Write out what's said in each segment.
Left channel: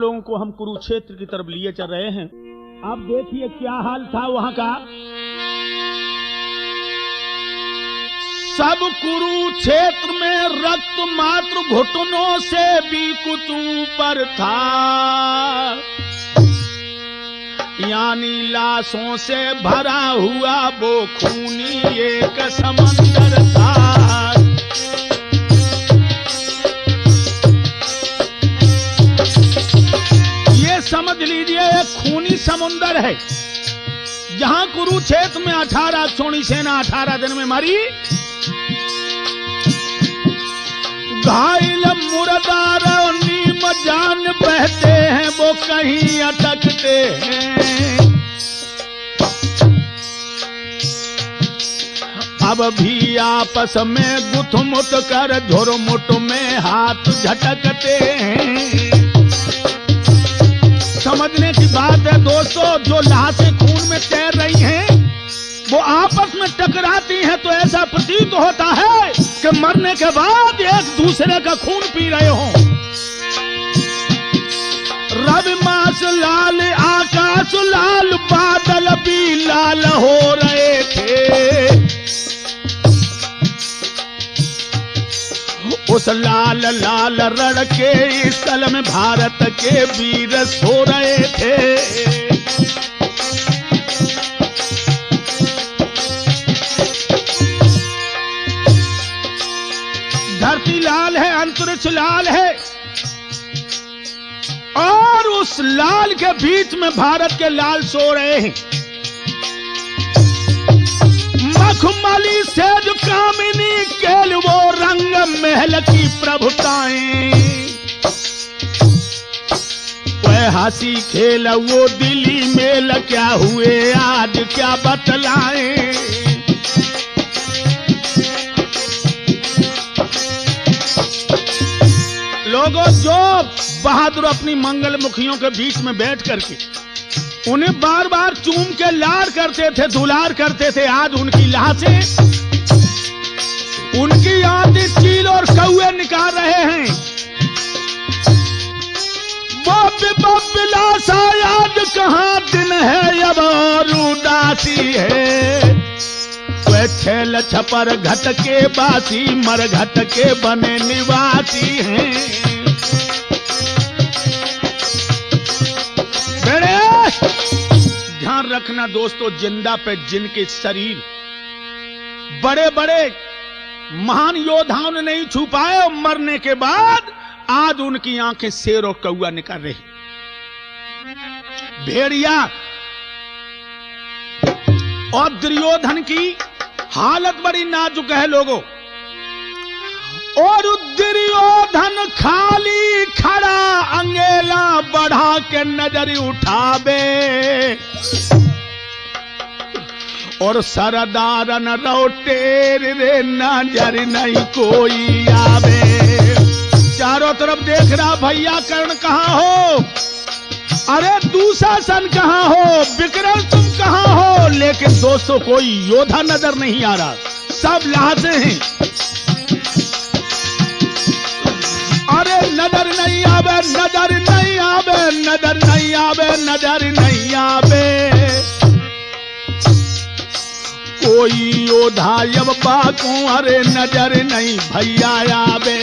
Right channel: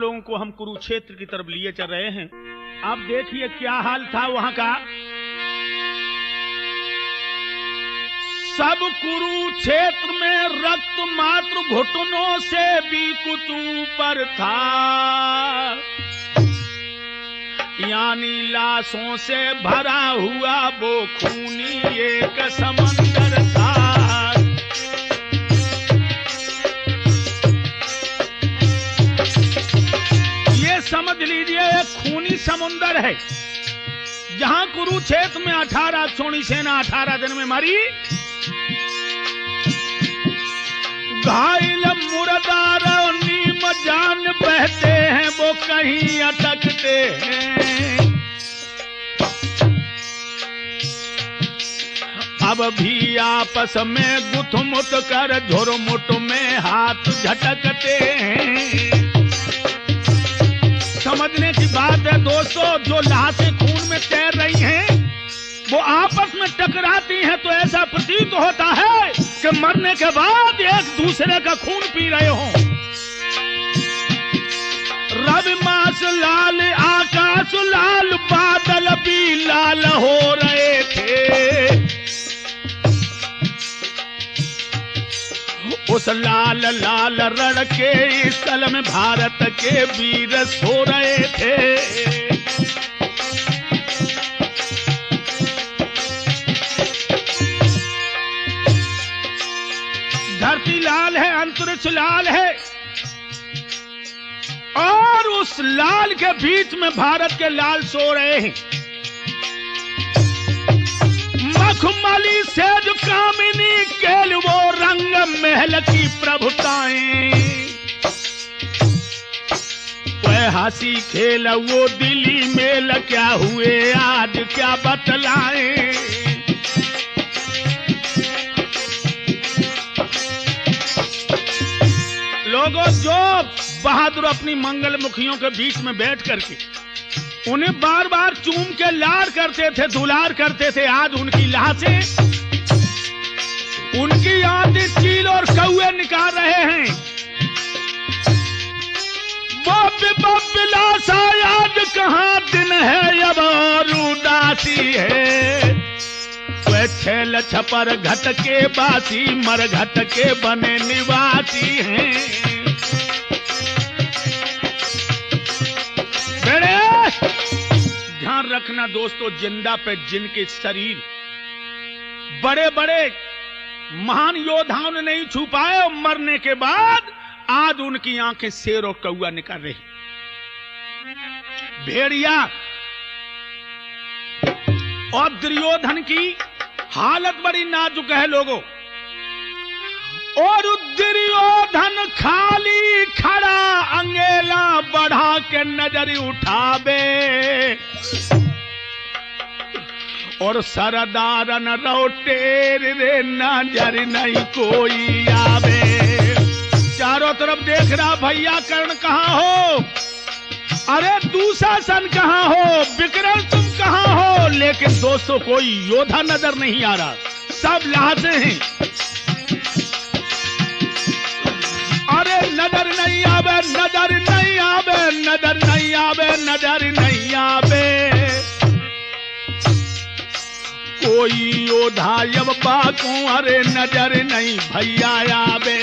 लोगों को हम कुरुक्षेत्र की तरफ लिए चल रहे हैं। आप देखिए क्या हाल था वहां का। सब कुरुक्षेत्र में रक्त मात्र घुटनों से भी कुछ ऊपर था, यानी लाशों से भरा हुआ वो खूनी एक समंदर था। समझ लीजिए एक खूनी समुंदर है जहां कुरुक्षेत्र में 18 सोनी सेना 18 दिन में मरी। घायल मुर्दार और नीम जान बहते हैं वो कहीं अटकते हैं। अब भी आपस में गुथमुट कर धुरमुट में हाथ झटकते हैं। समझने की बात है दोस्तों, जो लाशें खून में तैर रही हैं वो आपस में टकराती हैं तो ऐसा प्रतीत होता है कि मरने के बाद एक दूसरे का खून पी रहे हो। रवि मास लाल, आकाश लाल, बादल भी लाल हो रहे थे। उस लाल लाल रण के स्थल में भारत के वीर सो रहे थे। धरती लाल है, अंतरिक्ष लाल है और उस लाल के बीच में भारत के लाल सो रहे हैं। मखमली सेज कामिनी केल वो रंग महल की प्रभुताएं, वह हंसी खेल वो दिली मेल क्या हुए आज क्या बतलाएं। लोगों जो बहादुर अपनी मंगल मुखियों के बीच में बैठ करके उन्हें बार बार चूम के लाड़ करते थे, दुलार करते थे, आज उनकी लाशें, उनकी याद चील और कौए निकाल रहे हैं। वो लाशा याद कहाँ दिन है अब और उदासी है। वह छेल छपर घट के बासी मर घट के बने निवासी हैं। ध्यान रखना दोस्तों, जिंदा पे जिनके शरीर बड़े बड़े महान योद्धाओं ने नहीं छू पाए और मरने के बाद आज उनकी आंखें शेर और कौआ निकल रही। भेड़िया और दुर्योधन की हालत बड़ी नाजुक है लोगों, और दुर्योधन खाली खड़ा अंगेला बढ़ा के नजर उठावे और सरदारन रोटेर रे नजर नहीं कोई आवे। चारों तरफ देख रहा भैया कर्ण कहाँ हो, अरे दुशासन कहाँ हो, विक्रम तुम कहाँ हो, लेकिन दोस्तों कोई योद्धा नजर नहीं आ रहा, सब लाशें हैं। अरे नजर नहीं आवे, नजर नहीं आवे, नजर नहीं आवे, नजर नहीं आवे। कोई योद्धा अब बाको अरे नजर नहीं भैया आवे।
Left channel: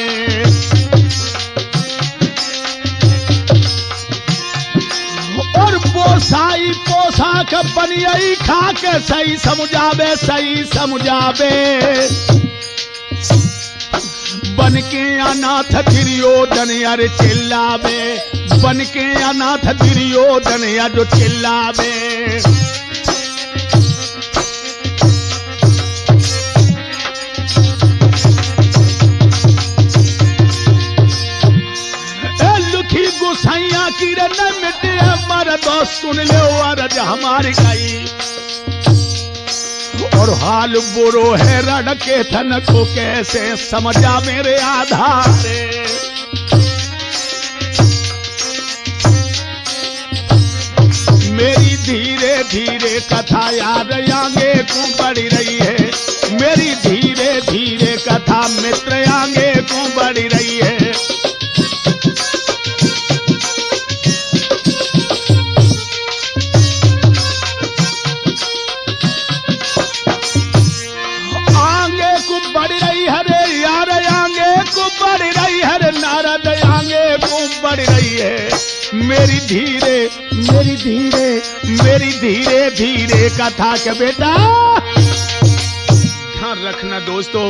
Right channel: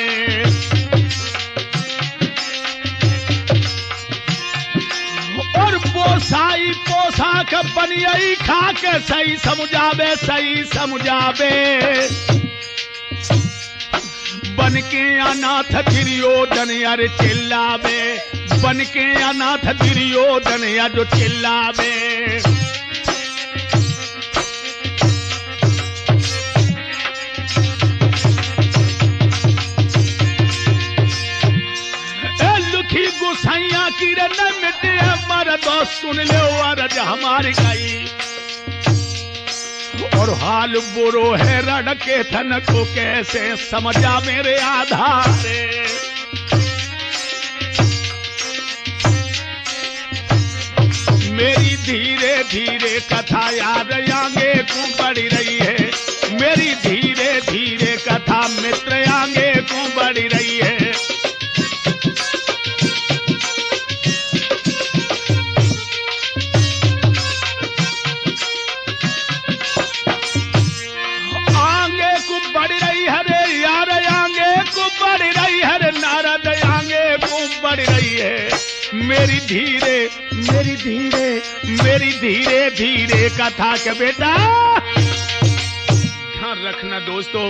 और बोसाई पोशाक बनियाई खा के सही समझावे, सही समझावे। बन के अनाथ दुर्योधन यार चिल्लावे, बन के अनाथ दुर्योधन यार जो चिल्लावे। लुखी गुसैया की रे न मिटे हमारा दोस्त सुन लो अरज हमारी गई। और हाल बुरो है रण के धन को कैसे समझा मेरे आधारे। मेरी धीरे धीरे कथा याद आगे को बढ़ी रही है, मेरी धीरे धीरे कथा मित्र आगे को बढ़ी रही है। मेरी धीरे धीरे धीरे कथा के बेटा। ध्यान रखना दोस्तों,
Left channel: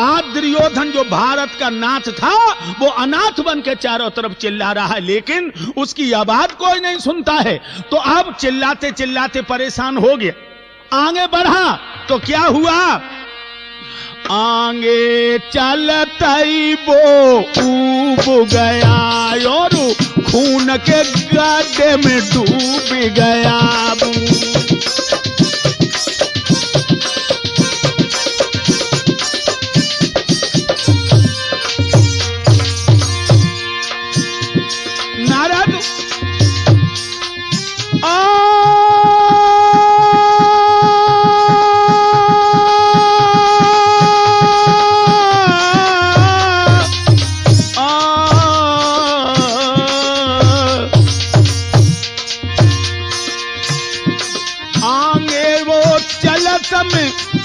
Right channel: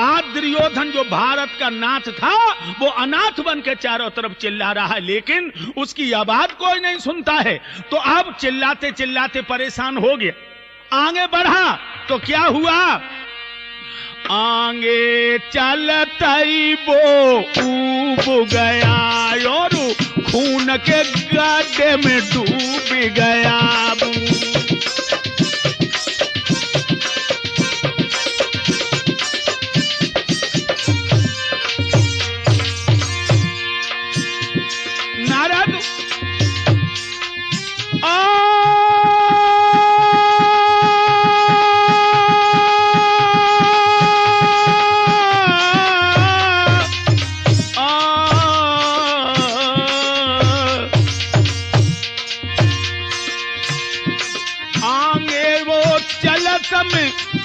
आज दुर्योधन जो भारत का नाथ था वो अनाथ बन के चारों तरफ चिल्ला रहा है, लेकिन उसकी आवाज कोई नहीं सुनता है। तो अब चिल्लाते चिल्लाते परेशान हो गया, आगे बढ़ा तो क्या हुआ, आगे चलते वो ऊब गया और खून के गड्ढे में डूब गया।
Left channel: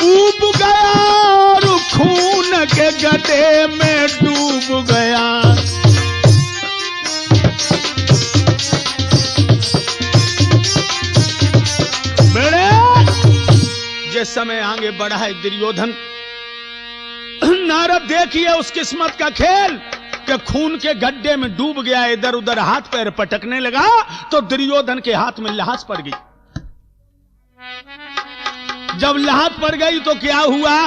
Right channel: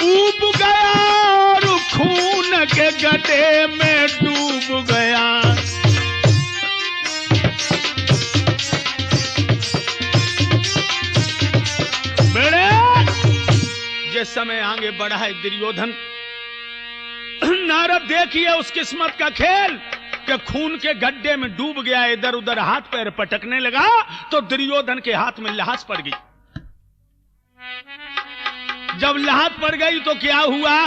ऊब गया और खून के गड्ढे में डूब गया। बेड़े जिस समय आगे बढ़ा है दुर्योधन, नारद देखिए उस किस्मत का खेल कि खून के गड्ढे में डूब गया, इधर उधर हाथ पैर पटकने लगा तो दुर्योधन के हाथ में लाश पड़ गई। जब लाहत पड़ गई तो क्या हुआ,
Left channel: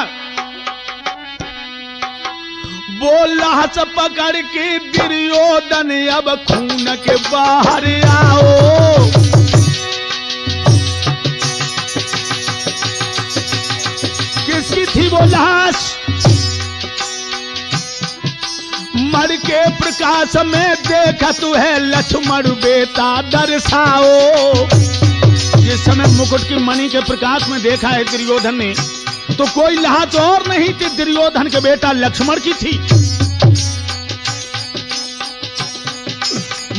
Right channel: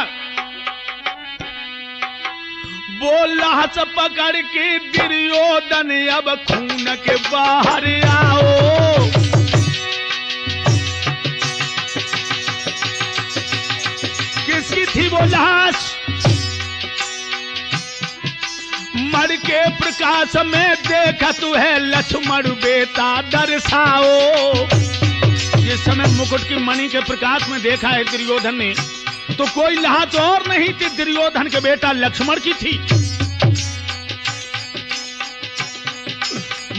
वो लाश पकड़ के दुर्योधन अब खून के बाहर आओ। किसकी थी वो लाश, मर के प्रकाश में देखा तू है लक्ष्मण बेटा दर्शाओ। जिस समय मुकुट की मणि के प्रकाश में देखा है दुर्योधन ने, तो कोई लाहत और नहीं थी, दुर्योधन के बेटा लक्ष्मण की थी।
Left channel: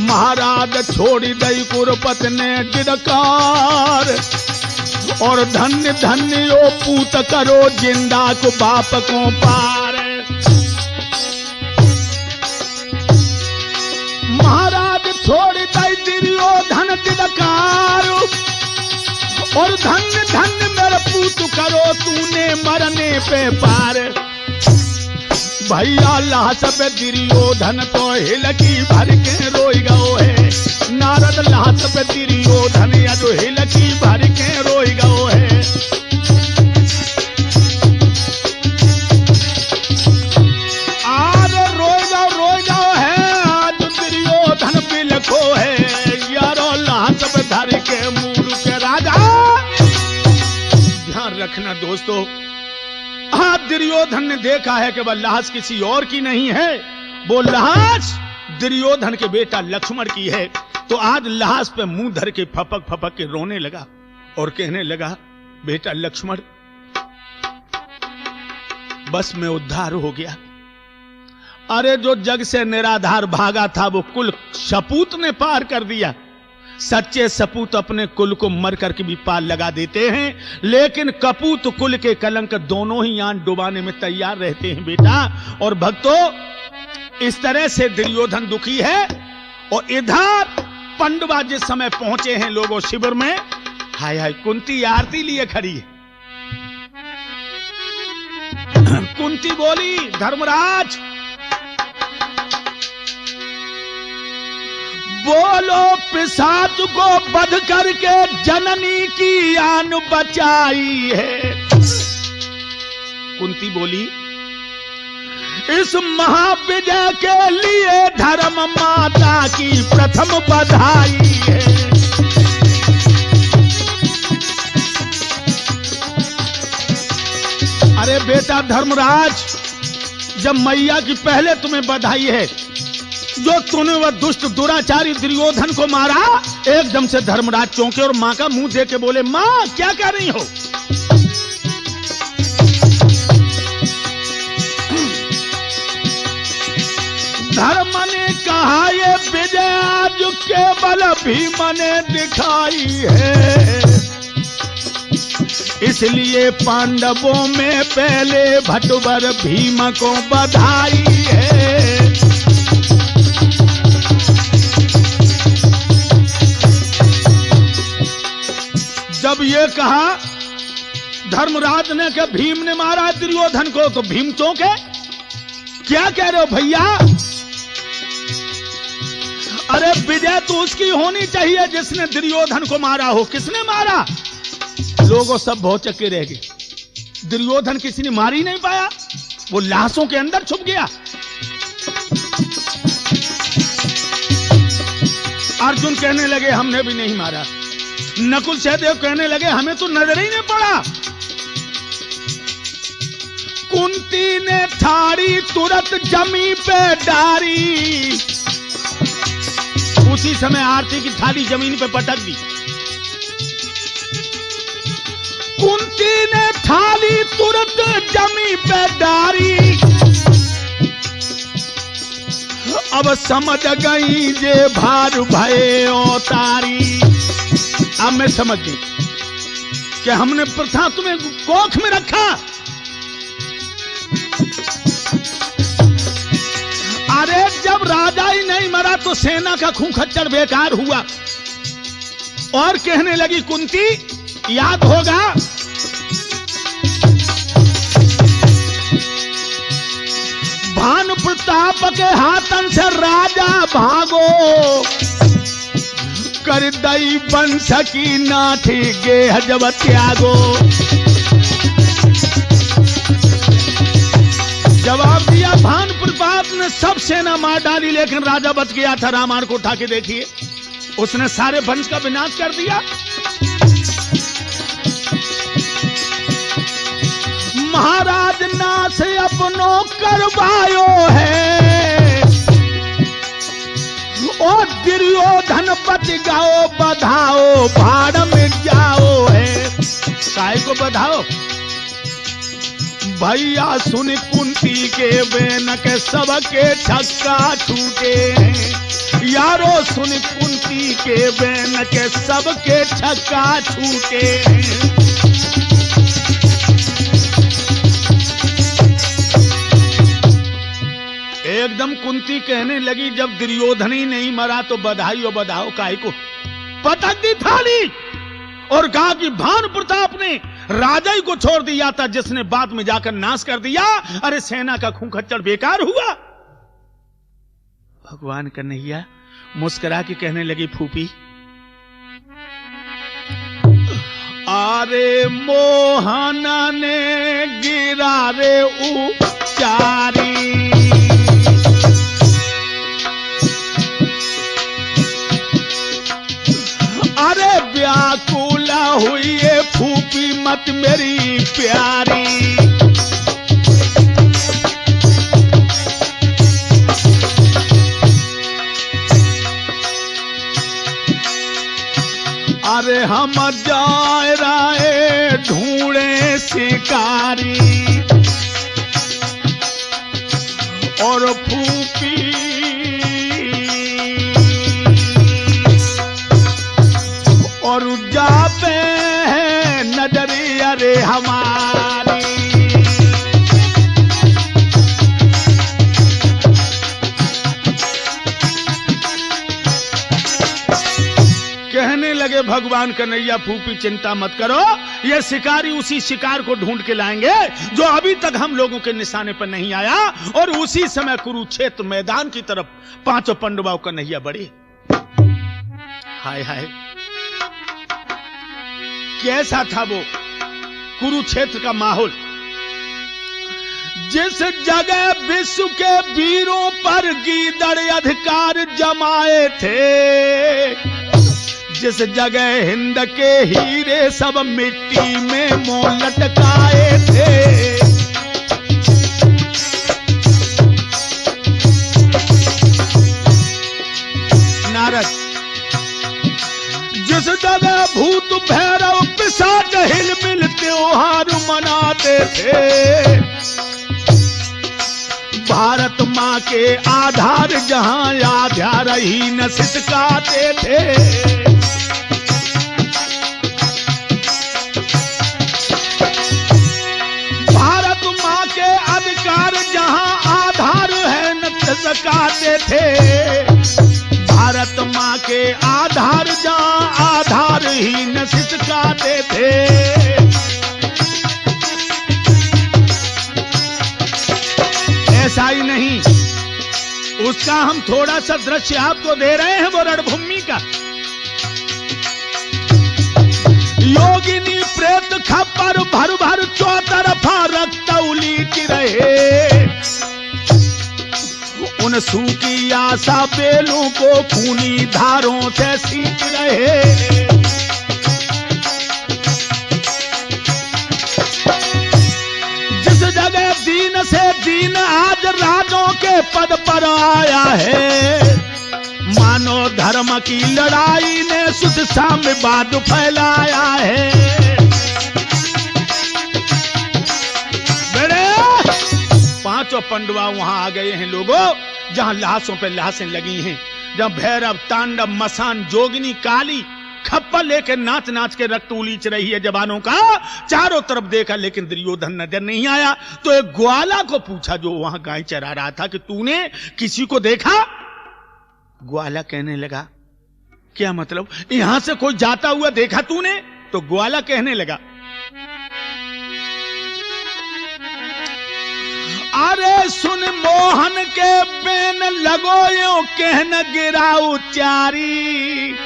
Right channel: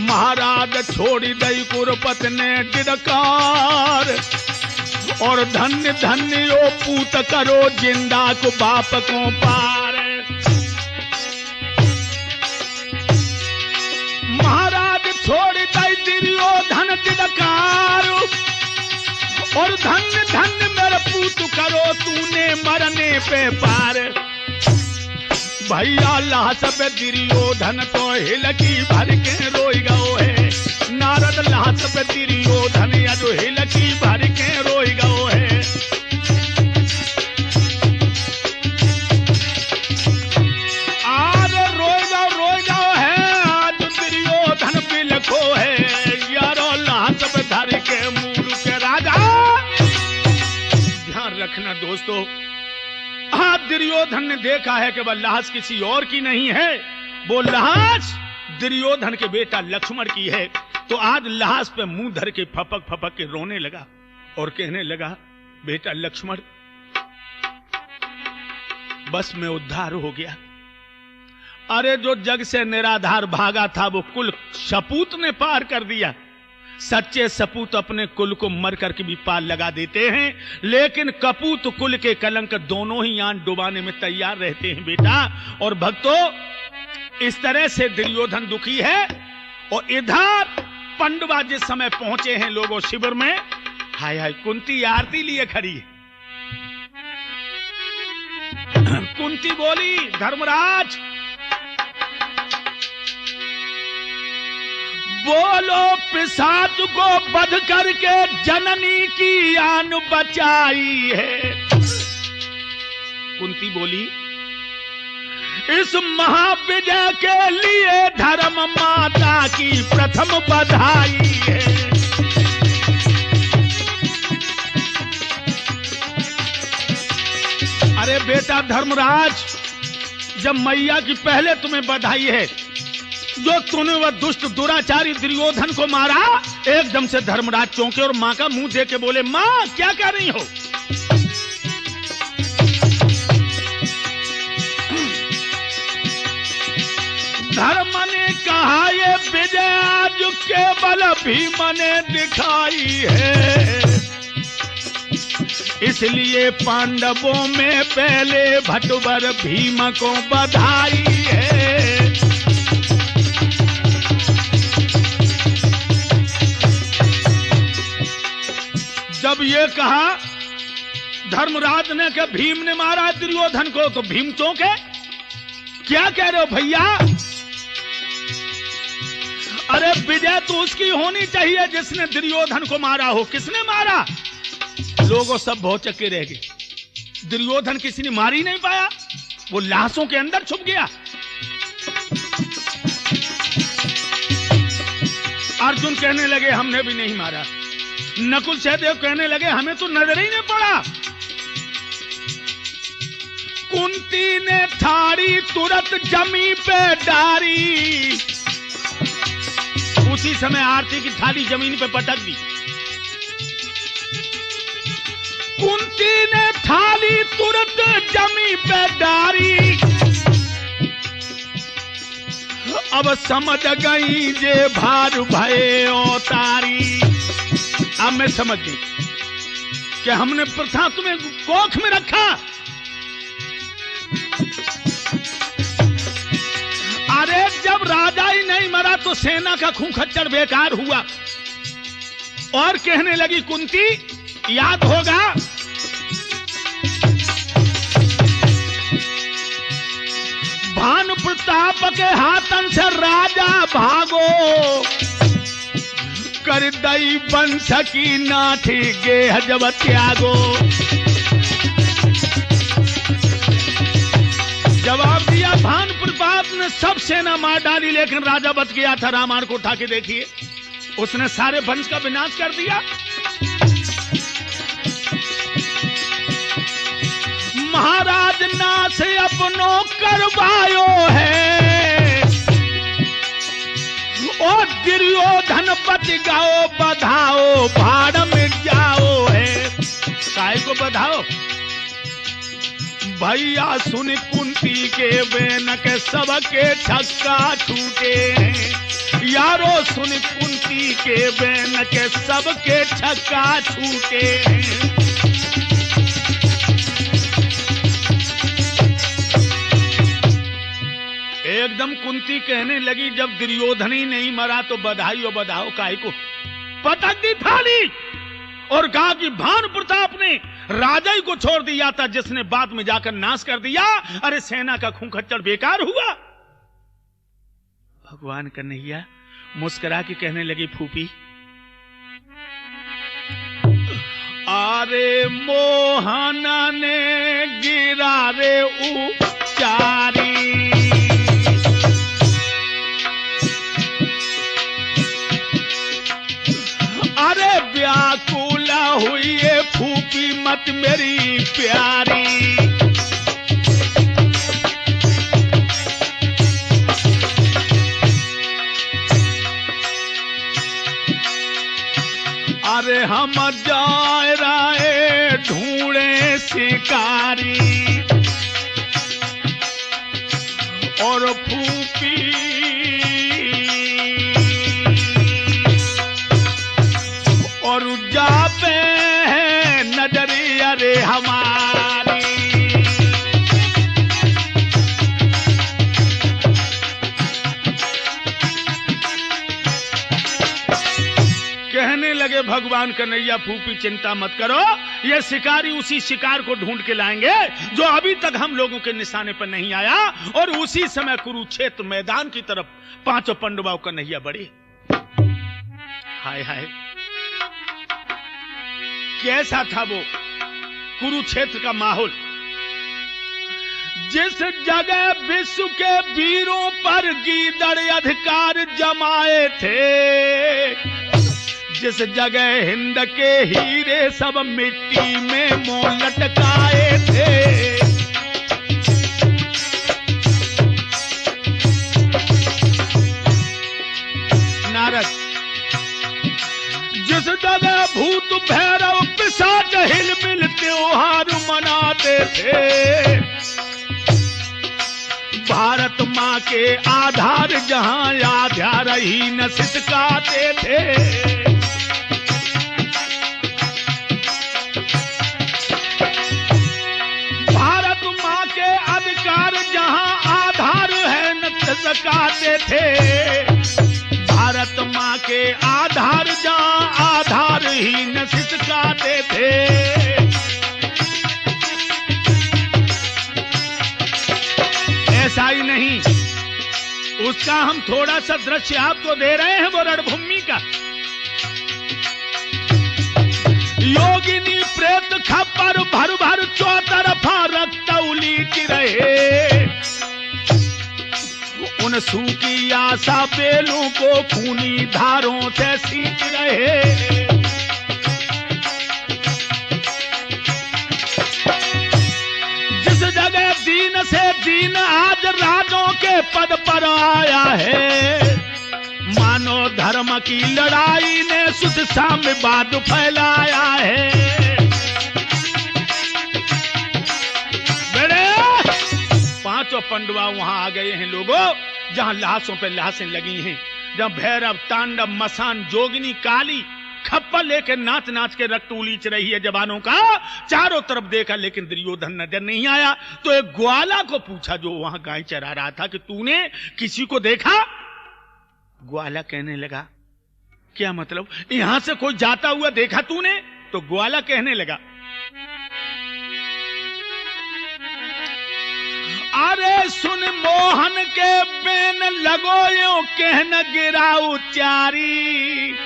महाराज छोड़ी दई कुरुपत ने डिडकार और धन्य धन्य ओ पूत करो जिंदा को बाप को पार। महाराज छोड़ी दई दुर्योधन डिडकार और धन्य धन्य मेरा पूत करो तूने मरने पे पार। भैया लाश पे दुर्योधन तो हिलकी भर के रोई गयो है। नारद लाश पे दुर्योधन या जो हिलकी भर के रोई गयो है। आज रोई गयो है, आज दुर्योधन बिलखो है यारो लाश पे धर के मूड के राजा। रखना दोस्तों, आज दुर्योधन ने देखा है कि वह लाश किसी और की नहीं है, वो लाश दुर्योधन के बेटा लक्ष्मण की है। तो आज लाश पे मुंह धर के फपक फपक के रोने लगा और कहने लगा, बेटा लक्ष्मण बस मैं उद्धार हो गया। अरे जो जग से निराधार भागा था वो कुल सपूत ने पार कर दिया। सच्चे सपूत अपने कुल को मर करके भी पार लगा देते हैं, लेकिन कपूत कुल के कलंक दोनों ही आन डुबाने में तैयार रहते हैं बेटा। और भक्तों, इस तरह से दुर्योधन दुखी है। और इधर पंडवा जिस समय पहुंचे हैं लोगों शिविर में, हाय हाय कुंती आरती लिए खड़ी है। कुंती बोली, धर्मराज बोलो पिशाच को बध करके जननी की आन बचाई है। कुंती बोली, इस महाविजय के लिए धर्म माता की प्रथम बधाई है। अरे बेटा धर्मराज, जब मैया की पहले तुम्हें बधाई है, जो तूने वह दुष्ट दुराचारी दुर्योधन को मारा। एकदम से धर्मराज चौंके और मां का मुंह देख के बोले, मां क्या कह रही हो? धर्म ने कहा ये विजय आज केवल भीम ने दिखाई है, इसलिए पांडवों में पहले भटवर भीम को बधाई है। ये कहा धर्मराज ने कि भीम ने मारा दुर्योधन को, तो भीम चौंक है। क्या कह रहे हो भैया? अरे विजय तो उसकी होनी चाहिए जिसने दुर्योधन को मारा हो। किसने मारा? लोगों सब भौचक्के रह गए। दुर्योधन किसी ने मार ही नहीं पाया, वो लाशों के अंदर छुप गया। अर्जुन कहने लगे हमने भी नहीं मारा। नकुल सहदेव कहने लगे हमें तो नजर ही नहीं पड़ा। कुंती ने थारी तुरंत जमी पे डारी। उसी समय आरती की थाली जमीन पे पटक दी। कुंती ने थाली तुरंत जमी पे डारी। अब समझ गई जे भार भये अवतारी। अब मैं समझ गई कि हमने प्रथा तुम्हें कोख में रखा। अरे जब राजा ही नहीं मरा तो सेना का खून खच्चर बेकार हुआ। और कहने लगी कुंती, याद होगा भानु प्रताप के हाथन से राजा भागो। कर दई बंश की नाथी गेह जब त्यागो। जवाब दिया भानु प्रताप ने सब सेना मार डाली, लेकिन राजा बच गया था। रामायण को उठा के देखिए, उसने सारे वंश का विनाश कर दिया। महाराज नाथ अपनो करवायो है, और दुर्योधन बच गयो बधाओ। भाड़ में जाओ है, काय को बधाओ भैया। सुन कुंती के बेन के सबके छक्का छूटे। यारो सुन कुंती के बेन के सबके छक्का छूटे। एकदम कुंती कहने लगी जब दुर्योधन ही नहीं मरा तो बधाई और बधाओ काय को। पटक दी थाली और कहा कि भानु प्रताप ने राजा ही को छोड़ दिया था, जिसने बाद में जाकर नाश कर दिया। अरे सेना का खून खच्चर बेकार हुआ। भगवान कन्हैया मुस्कुरा के कहने लगी फूफी, अरे मोहन ने गिरा रे उचारी। अरे व्याकुल हुई फूफी मत मेरी प्यारी। अरे हम जाए राय ढूंढे शिकारी, और फूफी और जाते हैं नजरी अरे हमारी। कहने लगे भगवान कन्हैया फूफी चिंता मत करो, ये शिकारी उसी शिकार को ढूंढ के लाएंगे जो अभी तक हम लोगों के निशाने पर नहीं आया। और उसी समय कुरुक्षेत्र मैदान की तरफ पांचों पांडवों कन्हैया बढ़े। हाय हाय कैसा था वो कुरुक्षेत्र का माहौल। जिस जगह विश्व के वीरों पर गीदड़ अधिकार जमाए थे, जिस जगह हिंद के हीरे सब मिट्टी में मोह लटकाए थे, नारद जिस जगह भूत भैरव पिशाच हिलमिल त्योहार मनाते थे, भारत माँ के आधार जहां आध्या रही न सिसकाते थे। भारत माँ के अधिकार जहां आधार है न सिसकाते थे। भारत माँ के आधार जहां आधार ही न सिसकाते थे। दृश्य आपको दे रहे हैं वो रणभूमि का। योगिनी प्रेत खप्पर भर भर चौतरफा रक्त उलीच रहे, उन सूखी आशा बेलों को खूनी धारों से सींच रहे। जिस जगह दीन से दीन आज राजों के पद पर आया है, मानो धर्म की लड़ाई ने सुध साम्यवाद फैलाया है। बड़े पांचों पंडवा वहां आ गए हैं लोगों, जहां लाशों पे लाशें लगी हैं, जहां भैरव तांडव मसान जोगिनी काली खप्पर लेकर नाच नाच के रक्त उलीच रही है जवानों का। चारों तरफ देखा लेकिन दुर्योधन नजर नहीं आया। तो एक ग्वाला को पूछा जो वहां गाय चरा रहा था कि तूने किसी को देखा? ग्वाला कहने लगा क्या मतलब, यहां से कोई जाता हुआ देखा तूने? तो ग्वाला कहने लगा अरे सुन मोहन के बेन लगो यो कहन गिराऊ चारी,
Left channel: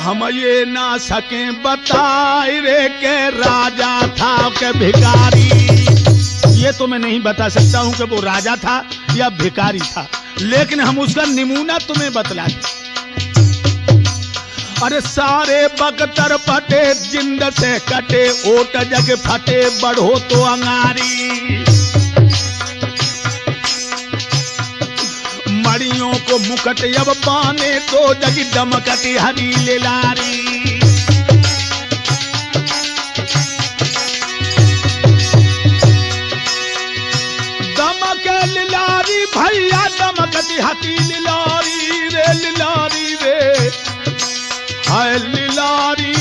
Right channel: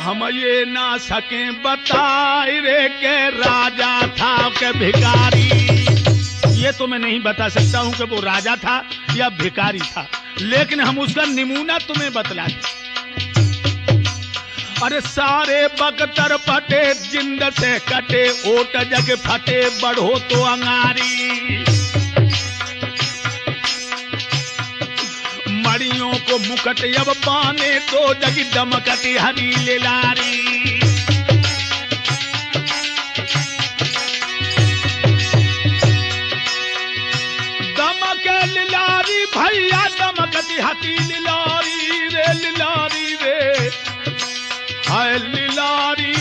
हम ये ना सके बताए रे के राजा था के भिखारी। ये तो मैं नहीं बता सकता हूं कि वो राजा था या भिखारी था, लेकिन हम उसका नमूना तुम्हें बतला दें। अरे सारे बख्तर फटे जिंद से कटे, ओट जग फटे बढ़ो तो अंगारी, मड़ियों को मुकट अब पाने तो जग दमकटी हरी लेलारी। दमके लिलारी भैया दमकटी हटी लिलारी रे, लिलारी रे हाय लिलारी।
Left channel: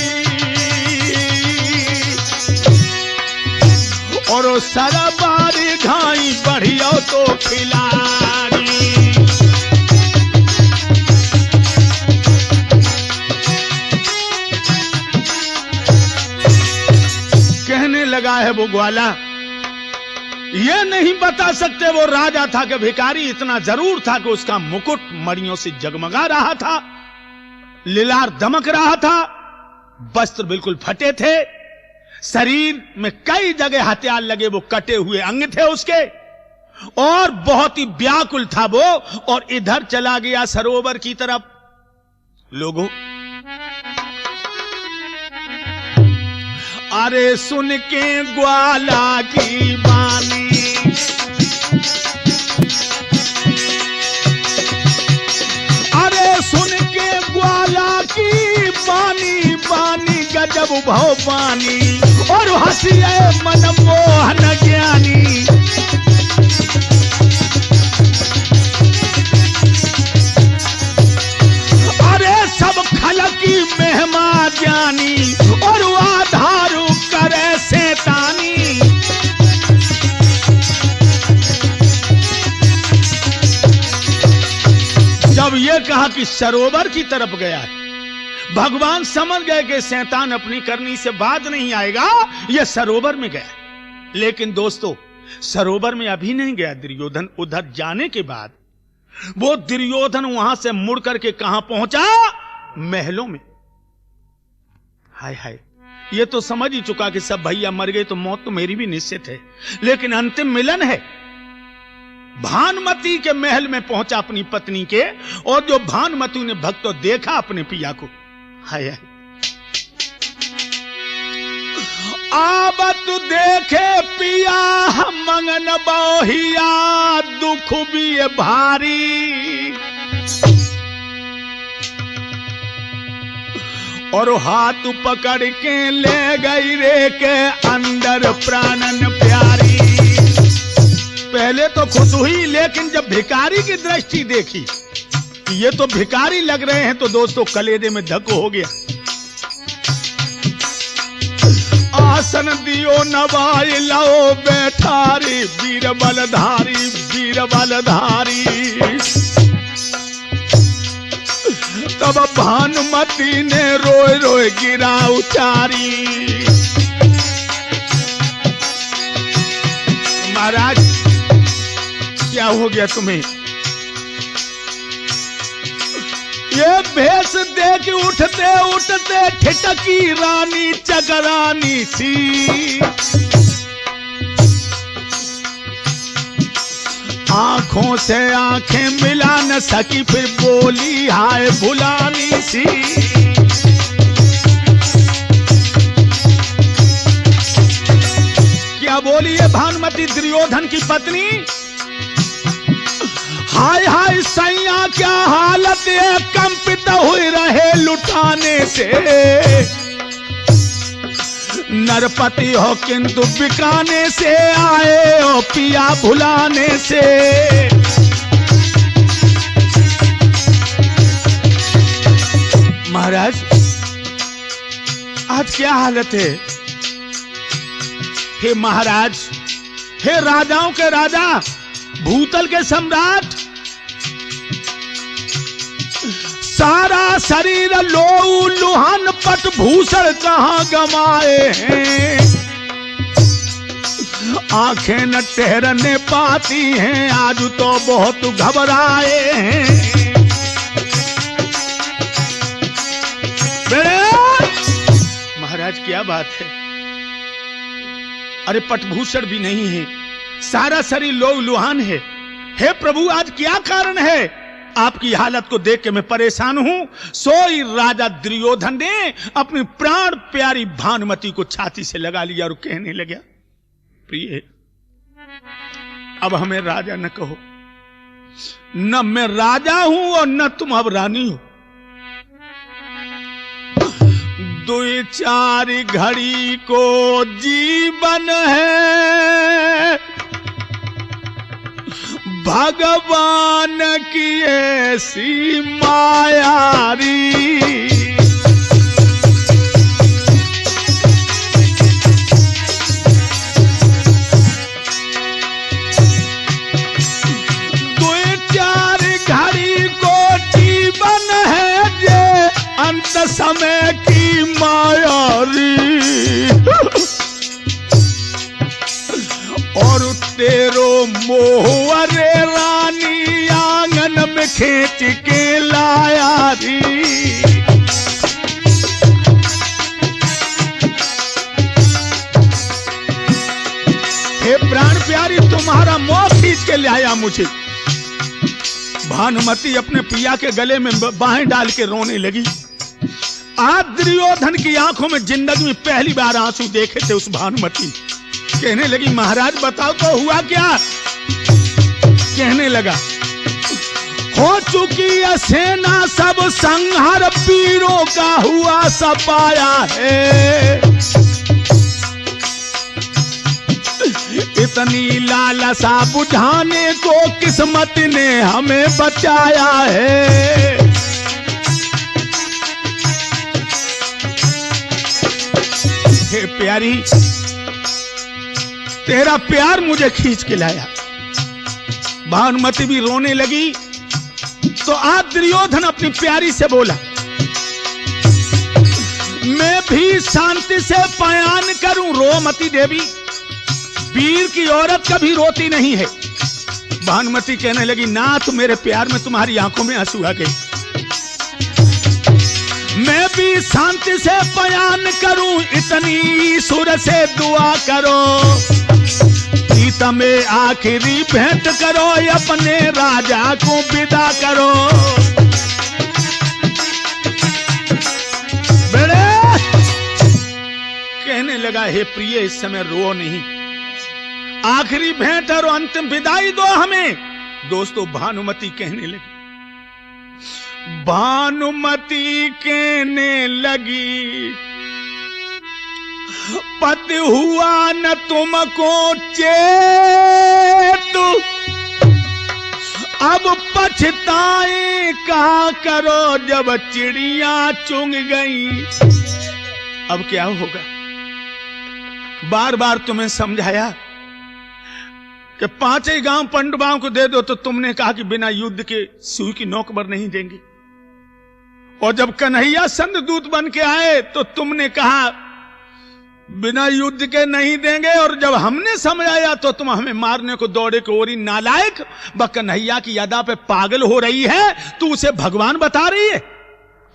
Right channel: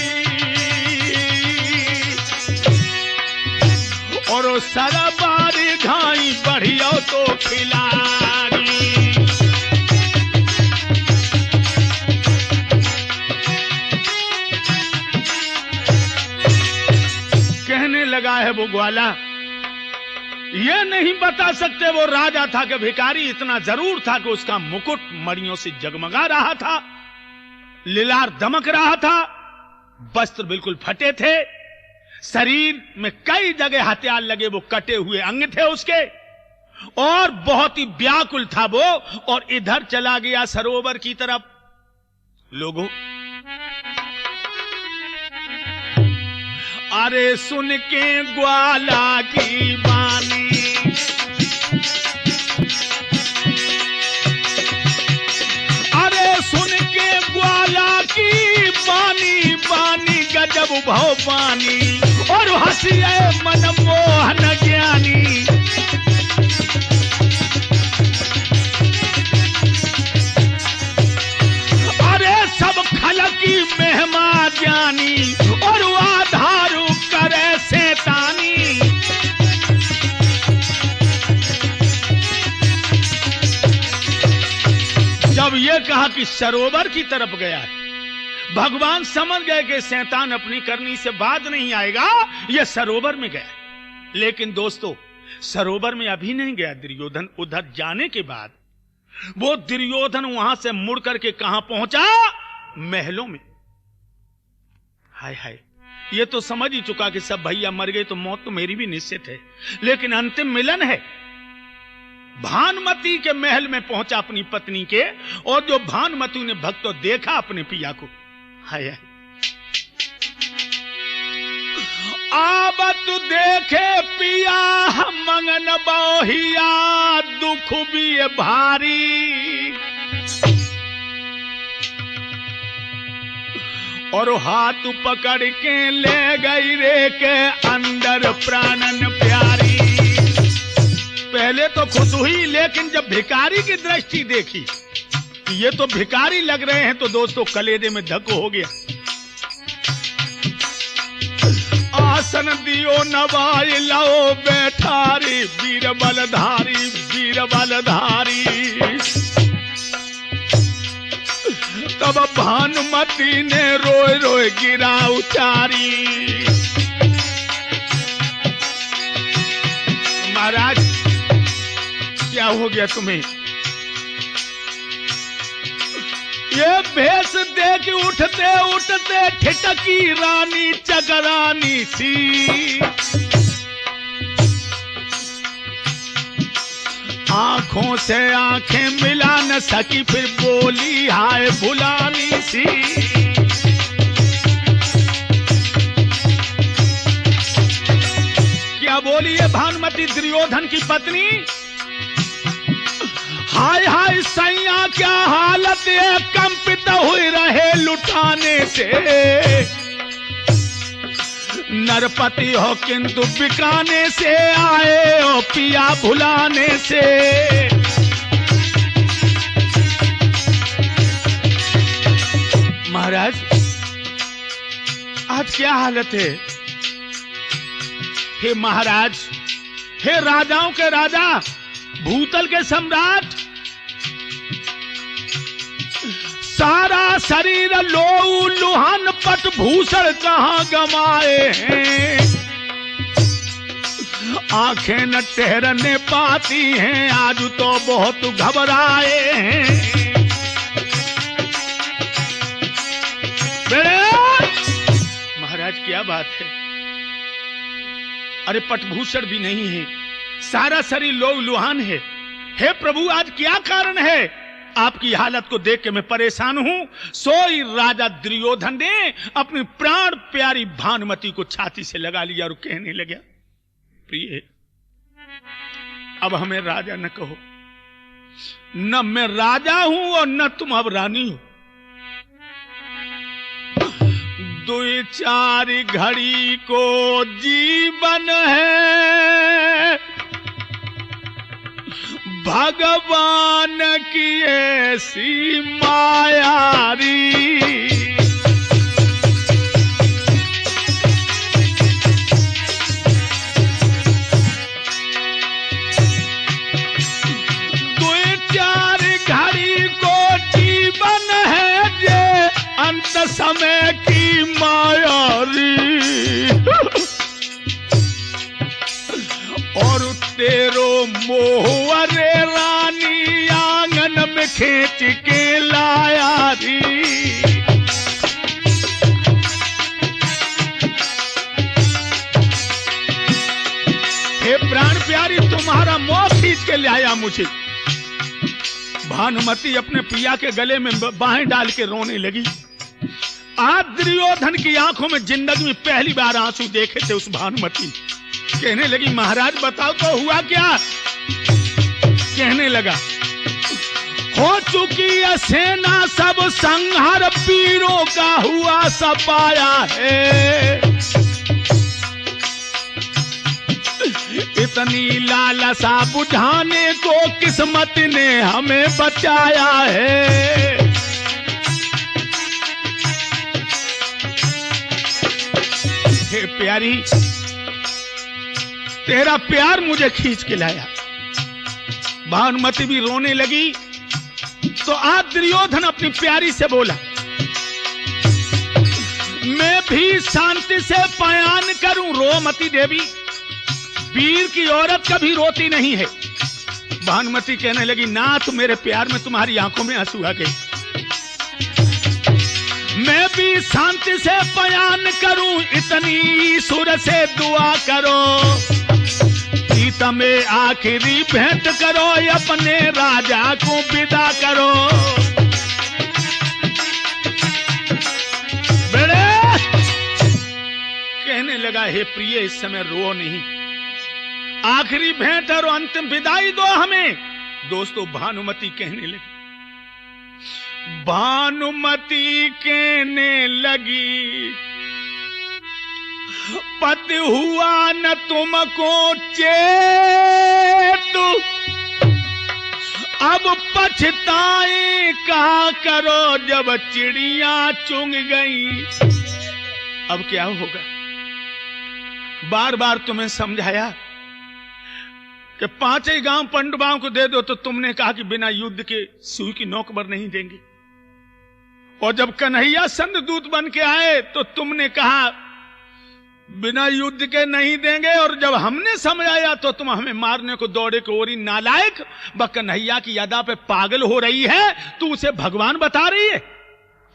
और सरबारी घाई बढ़िया तो खिलारी। कहने लगा है वो ग्वाला, ये नहीं बता सकते वो राजा था कि भिखारी। इतना जरूर था कि उसका मुकुट मड़ियों से जगमगा रहा था, लिलार दमक रहा था, वस्त्र बिल्कुल फटे थे, शरीर में कई जगह हथियार लगे, वो कटे हुए अंग थे उसके, और बहुत ही व्याकुल था वो। और इधर चला गया सरोवर की तरफ। लोगों अरे सुन के ग्वाला की बानी, अरे सुन के ग्वाला की बानी, बानी गजब भवानी, और हंसिए मनमोहन ज्ञानी। अरे सब खलकी मेहमा ज्ञानी, और आधारू करे शैतानी। जब ये कहा कि सरोवर की तरफ गया है, भगवान समझ गए कि शैतान अपनी करनी से बाज नहीं आएगा, यह सरोवर में गया। लेकिन दोस्तों सरोवर में अभी नहीं गया दुर्योधन। उधर जाने के बाद वो दुर्योधन वहां से मुड़ करके कहां पहुंचा? महलों में। हाय हाय, ये तो समझ ही चुका कि सब भैया मर गए तो मौत तो मेरी भी निश्चित है, लेकिन अंतिम मिलन है। भानुमति के महल में पहुंचा अपनी पत्नी के, और जो भानुमति ने भक्त देखा अपने पिया को। हाय हाय, आबत देखे पिया मंगन बहिया, दुख भी भारी। और हाथ पकड़ के ले गई रे के अंदर प्राणन प्यारी। पहले तो खुश हुई, लेकिन जब भिखारी की दृष्टि देखी, ये तो भिखारी लग रहे हैं, तो दोस्तों कलेजे में धक हो गया। आसन दियो नवाई लाओ बैठारी, वीर बलधारी वीर बलधारी। तब भानुमति ने रोए रोए गिरा उचारी। महाराज क्या हो गया तुम्हें? ये भेष देख उठते उठते ठिठकी रानी चकरानी सी। आंखों से आंखें मिला न सकी फिर बोली हाय भुलानी सी। क्या बोली है भानुमति दुर्योधन की पत्नी? हाय हाय सैया क्या हालत है, कंपित हुए रहे लुटाने से। नरपति हो किंतु बिकाने से, आए हो पिया भुलाने से। महाराज आज क्या हालत है? हे महाराज, हे राजाओं के राजा, भूतल के सम्राट, सारा शरीर लोऊ लुहान पट भूषण कहां गमाए हैं। आंखें न ठहरने पाती हैं, आज तो बहुत घबराए हैं। महाराज क्या बात है? अरे पटभूषण भी नहीं है, सारा शरीर लोऊ लुहान है। हे प्रभु आज क्या कारण है? आपकी हालत को देख के मैं परेशान हूं। सोई राजा दुर्योधन ने अपनी प्राण प्यारी भानुमति को छाती से लगा लिया और कहने लगा, प्रिय अब हमें राजा न कहो, न मैं राजा हूं और न तुम अब रानी हो। दो चार घड़ी को जीवन है, भगवान की ऐसी मायारी। दो चार घड़ी को जीवन है, ये अंत समय की मायारी। और तेरो मोह अरे रानी आंगन में खींच के लाया री। हे प्राण प्यारी तुम्हारा मोह खींच के लाया मुझे। भानुमति अपने पिया के गले में बाहें डाल के रोने लगी। आज दुर्योधन की आंखों में जिंदगी में पहली बार आंसू देखे थे उस भानुमति। कहने लगी महाराज बताओ तो हुआ क्या? कहने लगा हो चुकी है सेना सब संहार, पीरों का हुआ सपाया है। इतनी लालसा बुझाने को किस्मत ने हमें बचाया है। हे प्यारी तेरा प्यार मुझे खींच के लाया। भानुमति भी रोने लगी तो आज दुर्योधन अपनी प्यारी से बोला, मैं भी शांति से बयान करूं। रो मती देवी, वीर की औरत कभी रोती नहीं है। भानुमति कहने लगी नाथ मेरे प्यार में तुम्हारी आंखों में आंसू आ गए। मैं भी शांति से बयान करूं, इतनी सुर से दुआ करो। सीता में आखिरी भेंट करो, अपने राजा को विदा करो। बेड़े कहने लगा हे प्रिय इस समय रो नहीं, आखिरी भेंट और अंतिम विदाई दो हमें। दोस्तों भानुमति कहने लगी, भानुमति कहने लगी पति हुआ न तुमको चेत, अब पछताए कहा करो जब चिड़िया चुंग गई। अब क्या होगा? बार बार तुम्हें समझाया कि 5 ही गांव पंडवाओं को दे दो, तो तुमने कहा कि बिना युद्ध के सुई की नोक पर नहीं देंगे। और जब कन्हैया संत दूत बन के आए तो तुमने कहा बिना युद्ध के नहीं देंगे, और जब हमने समझाया तो तुम हमें मारने को दौड़े को ओरी नालायक। कन्हैया की अदा पे पागल हो रही है, तू उसे भगवान बता रही है।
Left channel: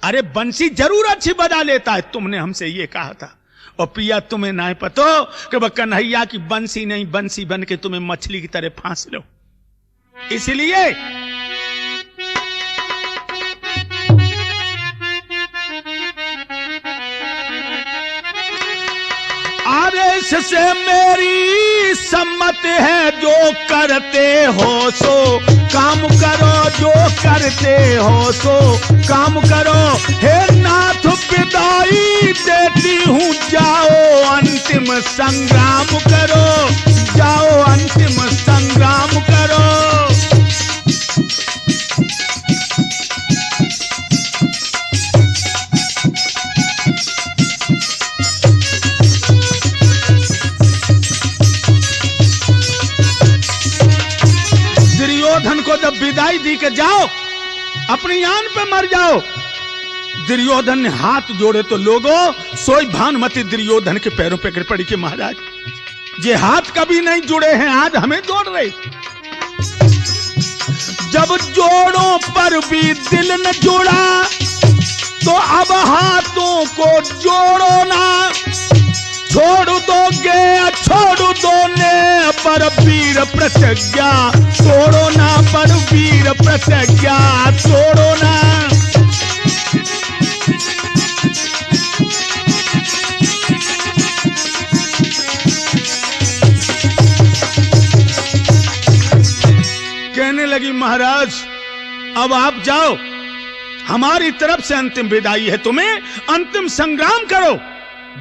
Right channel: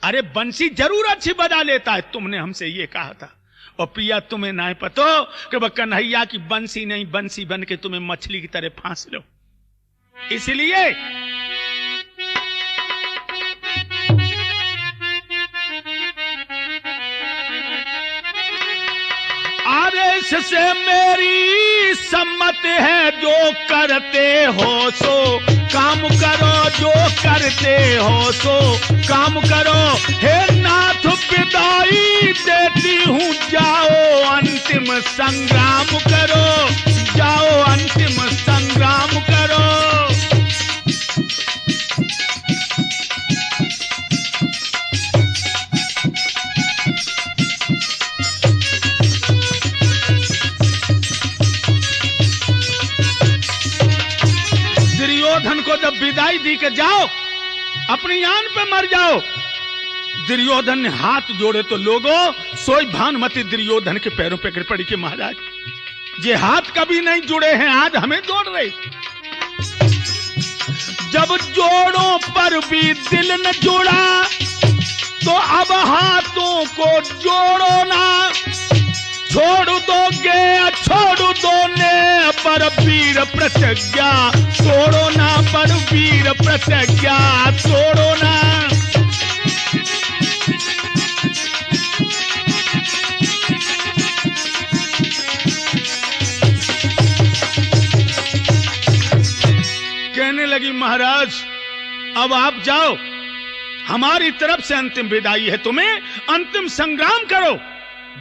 अरे बंसी जरूर अच्छी बजा लेता है, तुमने हमसे ये कहा था। और पिया तुम्हें ना पतो कि कन्हैया की बंसी नहीं, बंसी बन के तुम्हें मछली की तरह फांस लो। इसलिए आदेश से मेरी सम्मत है, जो करते हो सो काम करो, जो करते हो सो काम करो। हे नाथ विदाई देती हूँ, जाओ अंतिम संग्राम करो, जाओ अंतिम संग्राम करो। दुर्योधन को जब विदाई दी के जाओ, अपनी आन पे मर जाओ। दुर्योधन ने हाथ जोड़े तो लोगों सोई भानुमति दुर्योधन के पैरों पे गिर पड़ी कि महाराज ये हाथ कभी नहीं जुड़े हैं, आज हमें जोड़ रहे। जब जोड़ों पर भी दिल न जुड़ा, तो अब हाथों को जोड़ो ना। छोड़ दोगे छोड़ दोने पर वीर प्रतिज्ञा, तोड़ो ना पर वीर प्रतिज्ञा, तोड़ो ना। कहने लगी महाराज अब आप जाओ, हमारी तरफ से अंतिम विदाई है, तुम्हें अंतिम संग्राम करो।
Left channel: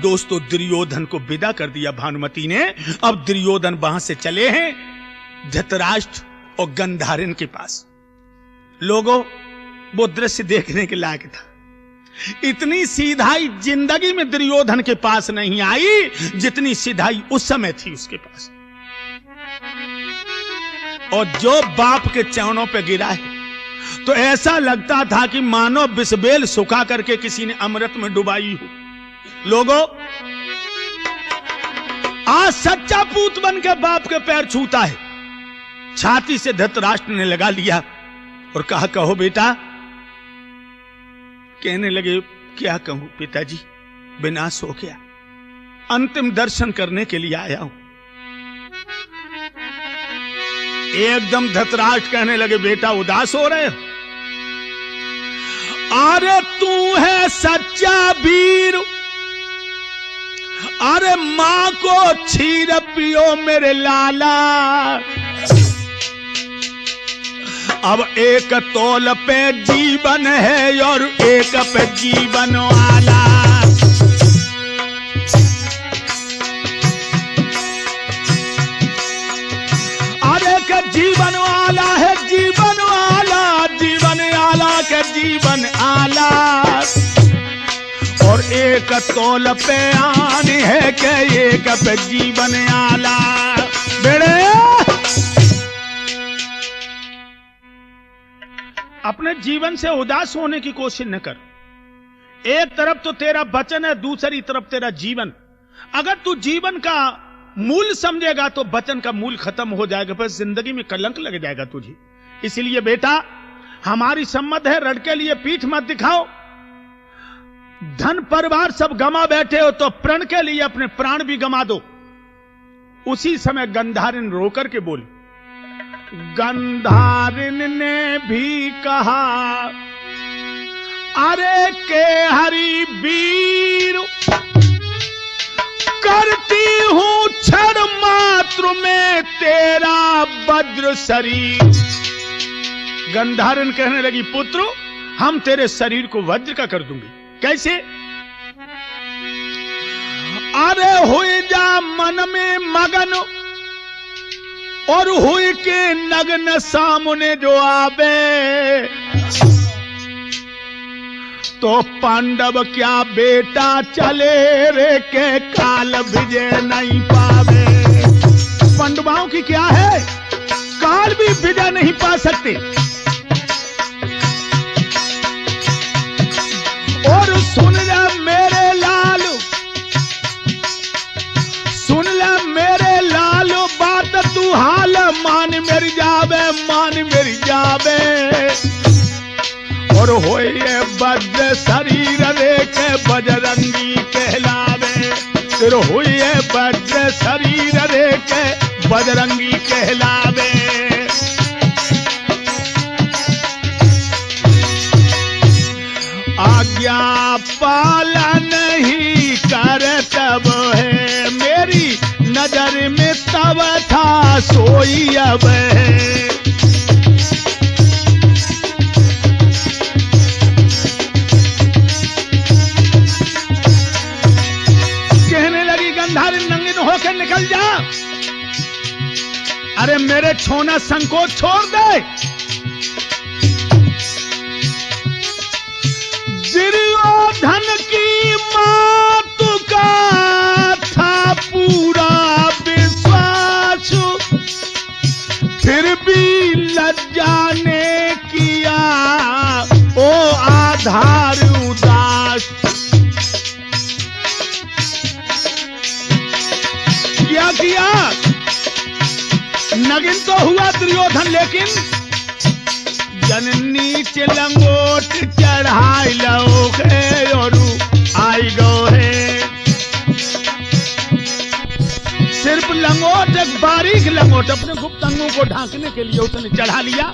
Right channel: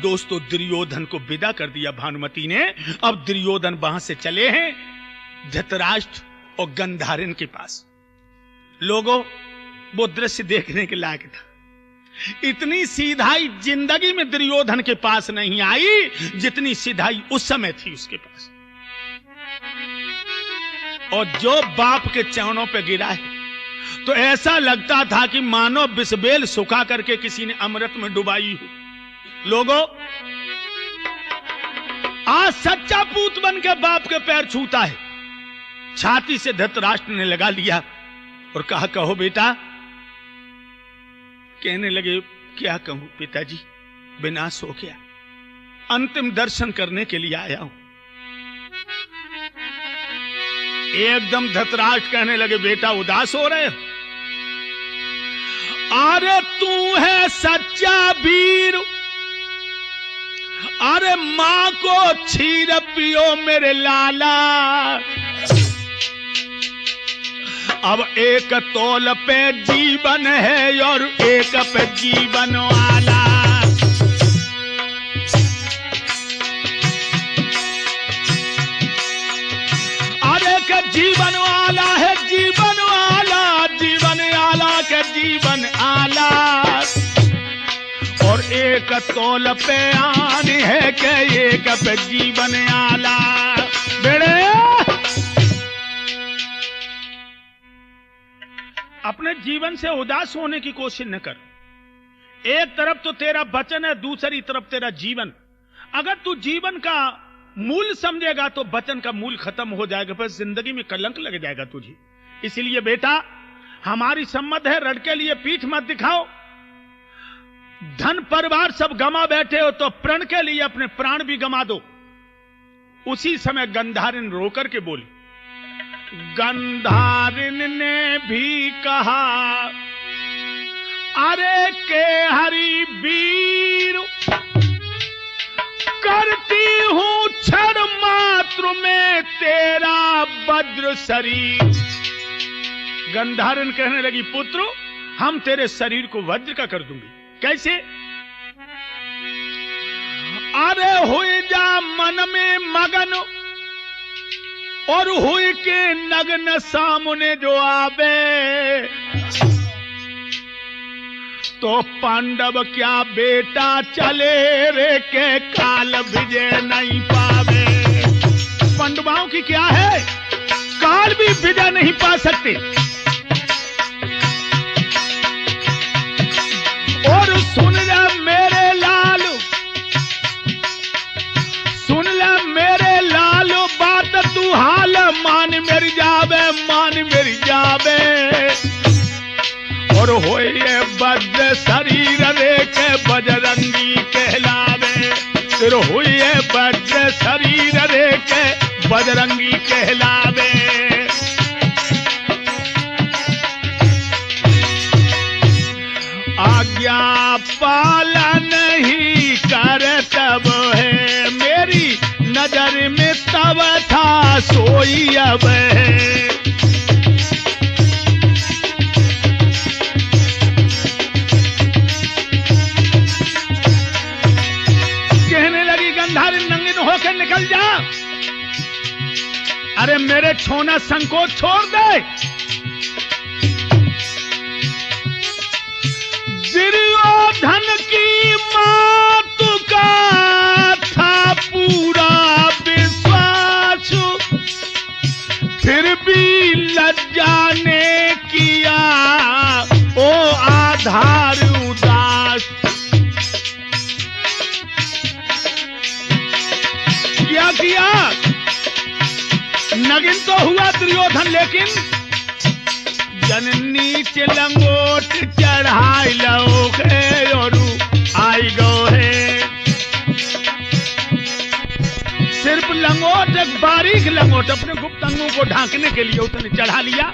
दोस्तों दुर्योधन को विदा कर दिया भानुमति ने। अब दुर्योधन वहां से चले हैं धृतराष्ट्र और गंधारिन के पास। लोगों वो दृश्य देखने के लायक था। इतनी सीधाई जिंदगी में दुर्योधन के पास नहीं आई जितनी सीधाई उस समय थी उसके पास। और जो बाप के चरणों पे गिरा है तो ऐसा लगता था कि मानो बिस्बेल सुखा करके किसी ने अमृत में डुबाई हो। लोगों आज सच्चा पूत बन के बाप के पैर छूता है। छाती से धृतराष्ट्र ने लगा लिया और कहा कहो बेटा। कहने लगे क्या कहूं पिताजी, विनाश हो गया, अंतिम दर्शन करने के लिए आया हूं। एकदम धृतराष्ट्र कहने लगे बेटा उदास हो रहे हो? अरे तू है सच्चा वीर, अरे मां को क्षीर पियो मेरे लाला। अब एक तौल पे जीवन है और एक पे जीवन वाला। अरे का जीवन वाला है, जीवन वाला, जीवन वाला के जीवन आला। और एक तौल पे आन है के एक पे जीवन आला। बेड़े अपने जीवन से उदास होने की कोशिश न कर। एक तरफ तो तेरा वचन है, दूसरी तरफ तेरा जीवन। अगर तू जीवन का मूल समझेगा तो वचन का मूल खत्म हो जाएगा, फिर जिंदगी में कलंक लग जाएगा तुझे। इसलिए बेटा हमारी सम्मत है, रड़ के लिए पीठ मत दिखाओ। धन परिवार सब गमा बैठे हो तो प्रण के लिए अपने प्राण भी गमा दो। उसी समय गंधारिन रोकर के बोली। गंधारिन ने भी कहा अरे के हरि वीर, करती हूं क्षण मात्र में तेरा वज्र शरीर। गंधारिन कहने लगी पुत्र हम तेरे शरीर को वज्र का कर दूंगी। कैसे? अरे हुई जा मन में मगन और हुई के नग्न सामने जो आवे, तो पांडव क्या बेटा चले रे के काल विजय नहीं पावे। पांडवों की क्या है, काल भी विजय नहीं पा सकते। और सुन जा मेरे लाल, ये वज्र शरीर रे के बजरंगी कहलावे, सिर हुई वज्र शरीर रे के बजरंगी कहलावे। आज्ञा पालन ही करतब है, मेरी नजर में तब था सोई अब है। कहने लगी गंधारी नंगिन होकर निकल जा, अरे मेरे छोना संकोच छोड़ दे। दुर्योधन की मातु का था पूरा विश्वास, फिर भी लज्जा ने किया ओ आधार उदास। क्या किया? नगिन तो हुआ दुर्योधन, लेकिन जननी लंगोट चढ़ाई लो है और आई गो है। सिर्फ लंगोट, एक बारीक लंगोट अपने गुप्त अंगों को ढांकने के लिए उसने चढ़ा लिया,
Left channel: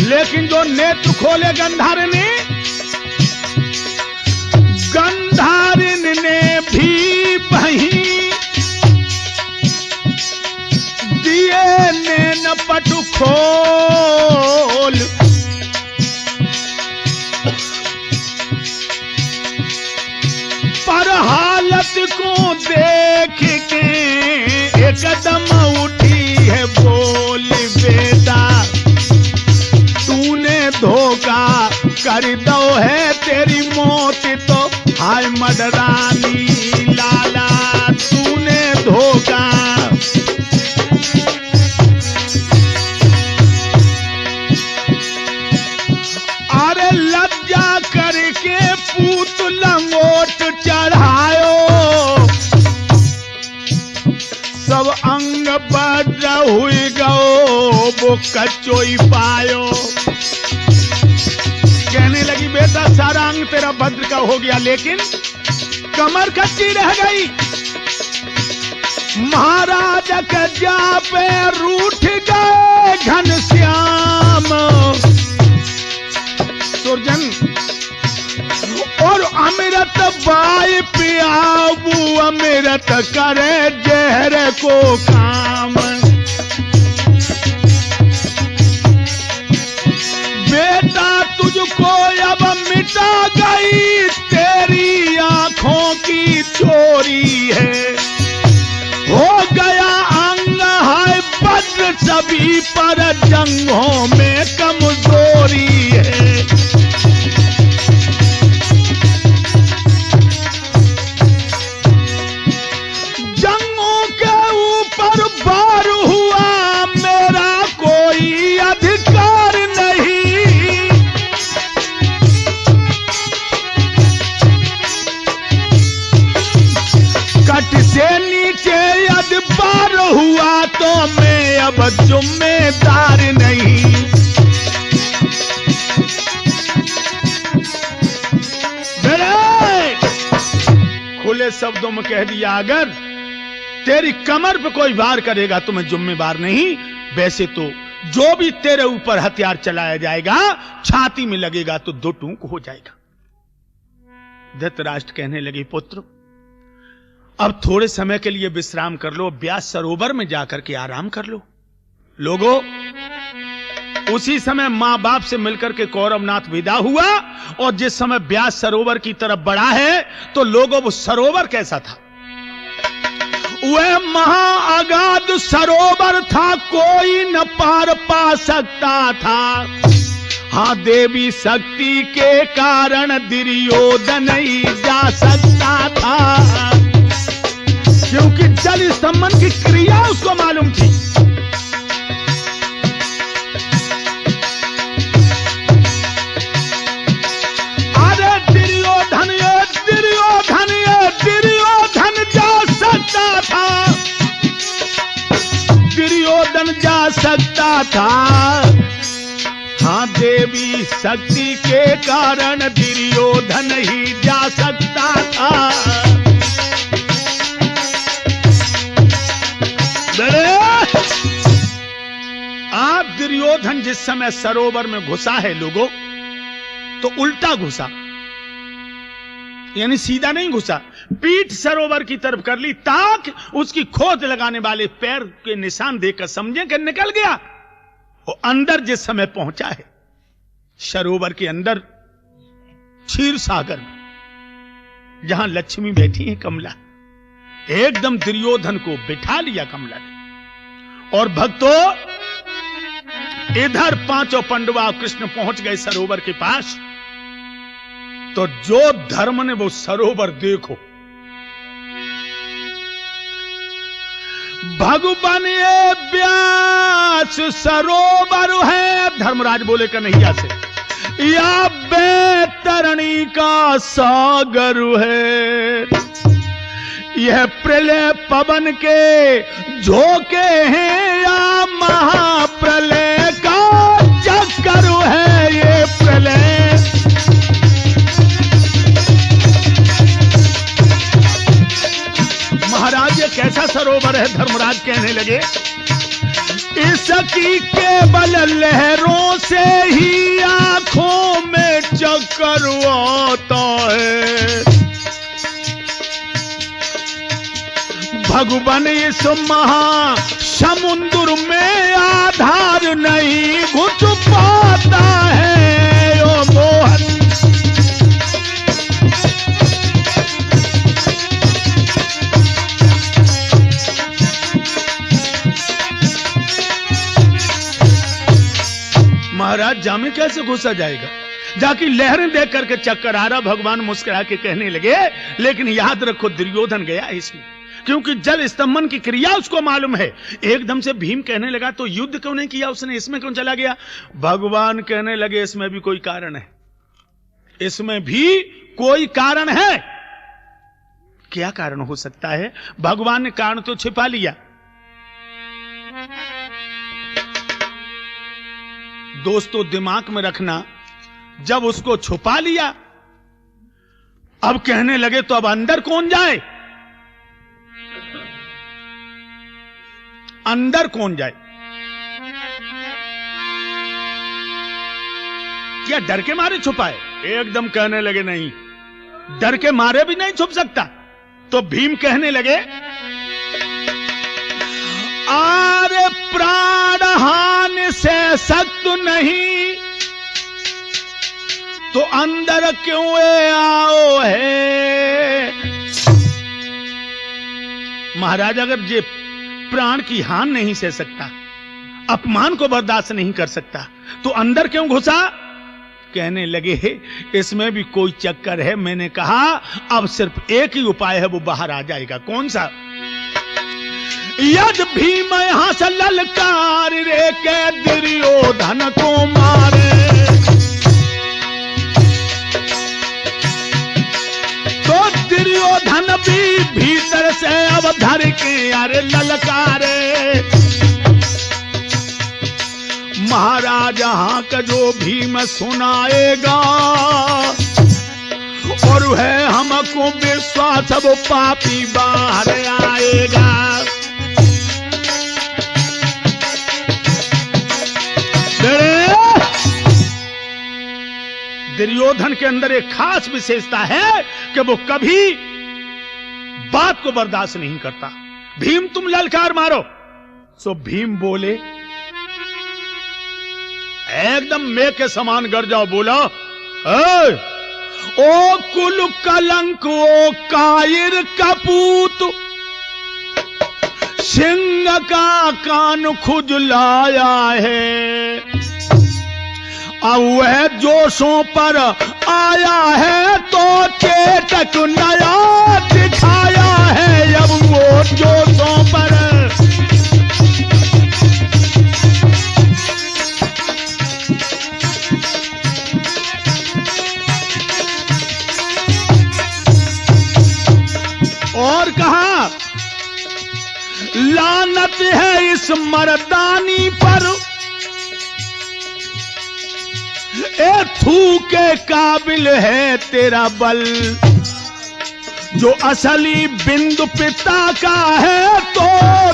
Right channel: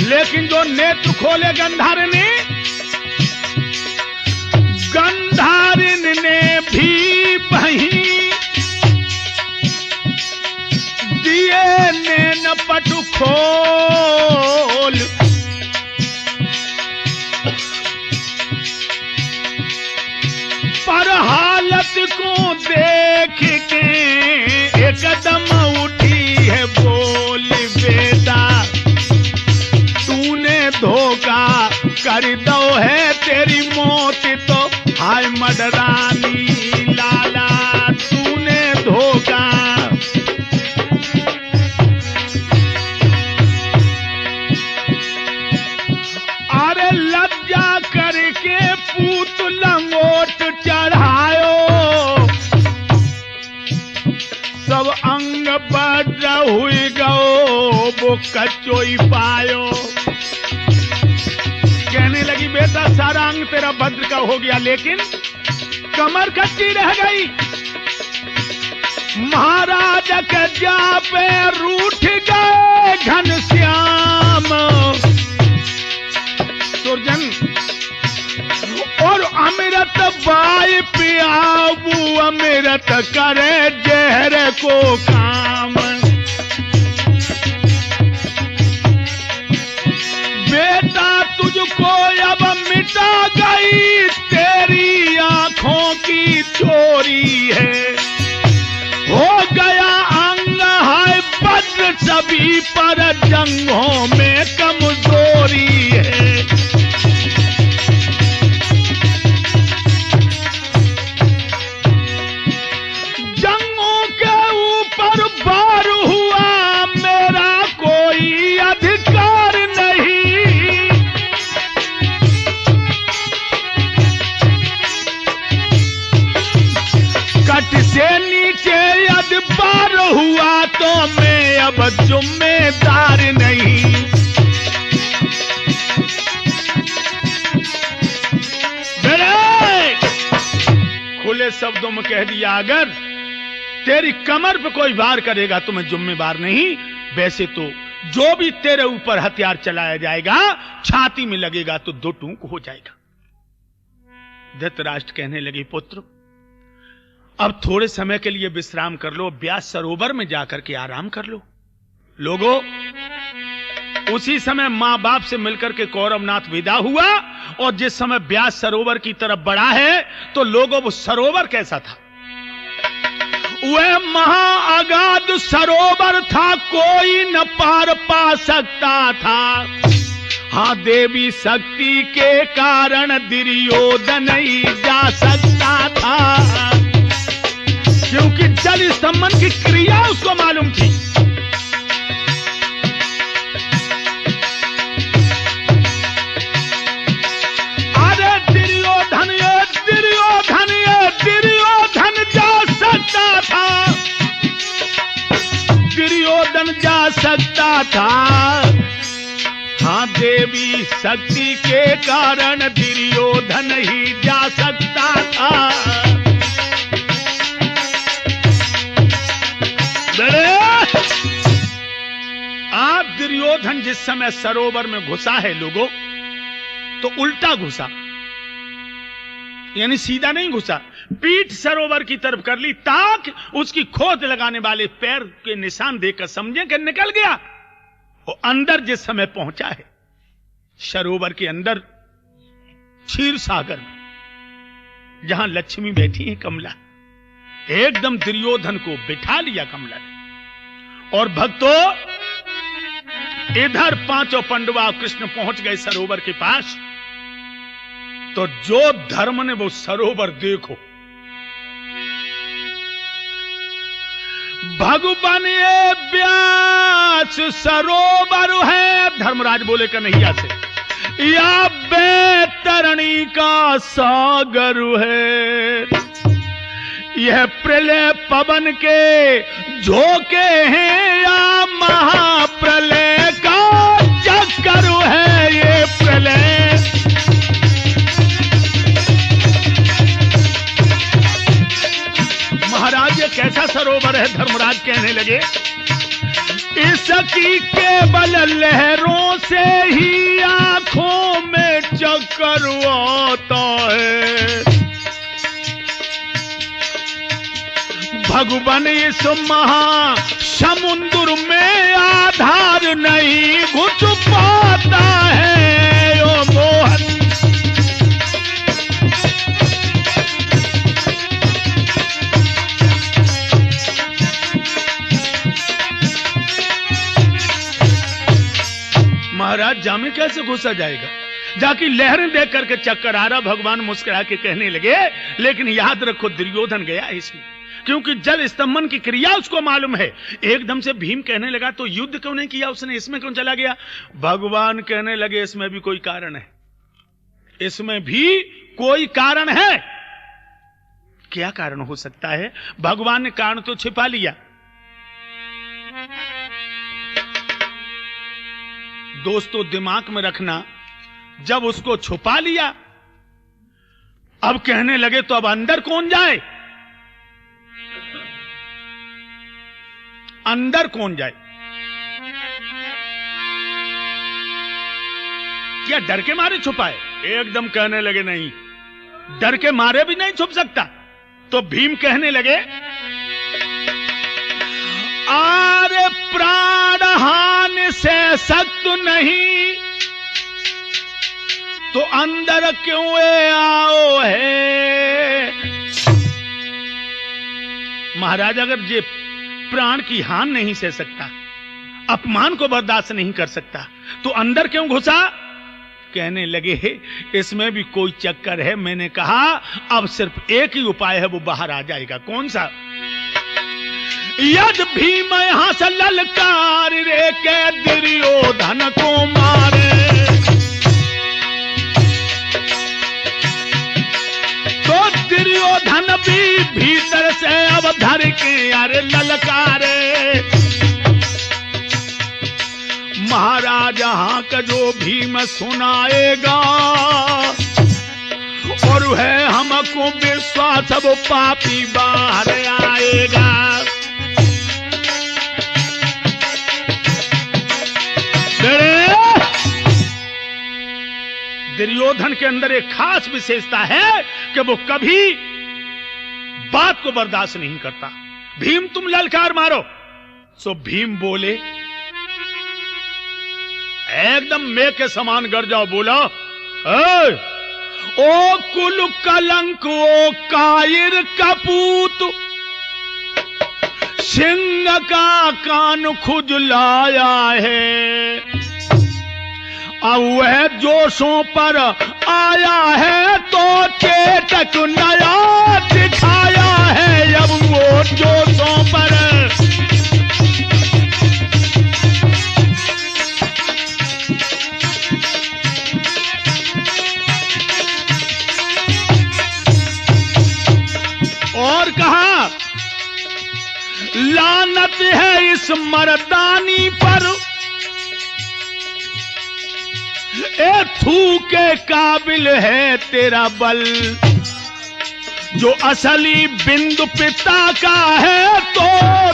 लेकिन जो नेत्र खोले गंधारिनी, गंधारिनी ने भी वहीं दिए नैन पटु खोल। पर हालत को देख के एकदम उठी है बोल, बेटा तूने धोखा कर दो है, तेरी मौत तो हाय मडरानी लाला, तूने धोखा। अरे लज्जा करके पूत लंगोट चढ़ायो, सब अंग बड़ हुई गो वो कच्चोई पायो। कहने लगी बेटा सारा अंग तेरा भद्र का हो गया, लेकिन कमर कच्ची रह गई। महाराज के जा पे रूठ गए घनश्याम सुरजन, और अमृत बाई पियाबू अमृत करे जहर को काम। बेटा तुझको अब मिटा गई तेरी आंखों की चोरी है, हो गया अंग है बद्र सभी पर जंगों में कमजोरी है। जंगों के ऊपर बार हुआ मेरा कोई अधिकार नहीं, कट से नीचे यदि बार हुआ तो मैं अब जिम्मेदार नहीं। खुले शब्दों में कह दिया, अगर तेरी कमर पे कोई वार करेगा तो मैं जिम्मेदार नहीं, वैसे तो जो भी तेरे ऊपर हथियार चलाया जाएगा छाती में लगेगा तो दो टूक हो जाएगा। धृतराष्ट्र कहने लगे, पुत्र अब थोड़े समय के लिए विश्राम कर लो, व्यास सरोवर में जाकर के आराम कर लो। लोगों, उसी समय मां बाप से मिलकर के कौरवनाथ विदा हुआ, और जिस समय व्यास सरोवर की तरफ बढ़ा है तो लोगों वो सरोवर कैसा था? वह महा अगाध सरोवर था, कोई न पार पा सकता था। हाँ, देवी शक्ति के कारण दुर्योधन ही जा सकता था, क्योंकि जल स्तंभन की क्रिया उसको मालूम थी। अरे दुर्योधन जा सकता था, दुर्योधन जा सकता था। हाँ, देवी शक्ति के कारण दुर्योधन ही जा सकता था। आज दुर्योधन जिस समय सरोवर में घुसा है लोगों, तो उल्टा घुसा, यानी सीधा नहीं घुसा, पीठ सरोवर की तरफ कर ली ताकि उसकी खोज लगाने वाले पैर के निशान देखकर समझे कि निकल गया। वो अंदर जिस समय पहुंचा है सरोवर के अंदर, क्षीर सागर में जहां लक्ष्मी बैठी है कमला, एकदम दुर्योधन को बिठा लिया कमला ने। और भक्तों, इधर पांचों पंडवा कृष्ण पहुंच गए सरोवर के पास, तो जो धर्म ने वो सरोवर देखो, भगवान ये व्यास सरोवर है, धर्मराज बोले कन्हैया से, या बैतरणी का सागर है। यह प्रलय पवन के झोंके हैं या महाप्रलय का चक्कर है ये प्रलय। महाराज ये कैसा सरोवर है, धर्मराज कहने लगे, इसकी केवल लहरों से ही आंखों में चक्कर आता है। भगवान इस महा समुद्र में आधार नहीं घुस पाता है ओ मोहन। महाराज जामे कैसे घुसा जाएगा, जाके लहरें देख करके चक्कर आ रहा। भगवान मुस्कुरा के कहने लगे, लेकिन याद रखो दुर्योधन गया इसमें, क्योंकि जल स्तंभन की क्रिया उसको मालूम है। एकदम से भीम कहने लगा तो युद्ध क्यों नहीं किया उसने, इसमें क्यों चला गया? भगवान कहने लगे इसमें भी कोई कारण है, इसमें भी कोई कारण है। क्या कारण हो सकता है? भगवान ने कारण तो छिपा लिया। दोस्तों दिमाग में रखना, जब उसको छुपा लिया, अब कहने लगे तो अब अंदर कौन जाए, अंदर कौन जाए? क्या डर के मारे छुपाए? एकदम कहने लगे नहीं, डर के मारे भी नहीं छुप सकता। तो भीम कहने लगे, आरे प्राणहानि से सख्त नहीं तो अंदर क्यों आओ है। महाराज अगर ये प्राण की हानि नहीं सह सकता, अपमान को बर्दाश्त नहीं कर सकता, तो अंदर क्यों घुसा? कहने लगे इसमें भी कोई चक्कर है। मैंने कहा अब सिर्फ एक ही उपाय है, वो बाहर आ जाएगा। कौन सा? यद भीम यहां से ललकार रे के दुर्योधन को मारे, तो दुर्योधन भी भीतर से अब धर के अरे ललकारे। महाराज यहाँ का जो भीम सुनाएगा और है हमको विश्वास, अब पापी बाहर आएगा। दुर्योधन के अंदर एक खास विशेषता है कि वो कभी बात को बर्दाश्त नहीं करता। भीम तुम ललकार मारो। सो भीम बोले, एकदम मैं के समान गरजा बोला, ओ कुल कलंक ओ कायर कपूत, सिंह का कान खुजलाया है। अब वह जोशों पर आया है तो चेतक नया दिखाया है। अब वो जोशों पर और कहा, लानत है इस मर्दानी पर, ए थू के काबिल है तेरा बल, जो असली बिंदु पिता का है तो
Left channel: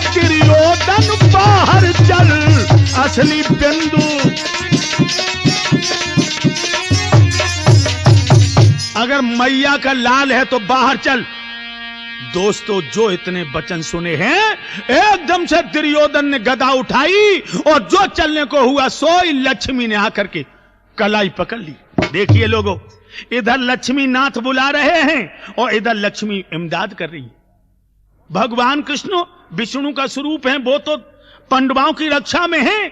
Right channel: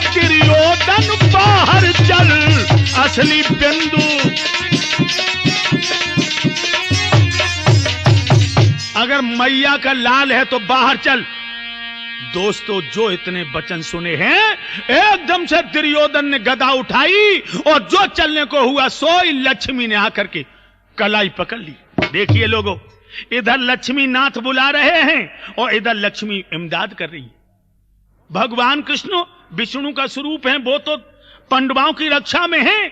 दुर्योधन बाहर चल। असली बिंदु अगर मैया का लाल है तो बाहर चल। दोस्तों, जो इतने वचन सुने हैं, एकदम से दुर्योधन ने गदा उठाई और जो चलने को हुआ सोई लक्ष्मी ने आकर के कलाई पकड़ ली। देखिए लोगों, इधर लक्ष्मी नाथ बुला रहे हैं और इधर लक्ष्मी इमदाद कर रही है। भगवान कृष्ण विष्णु का स्वरूप है, वो तो पांडवों की रक्षा में है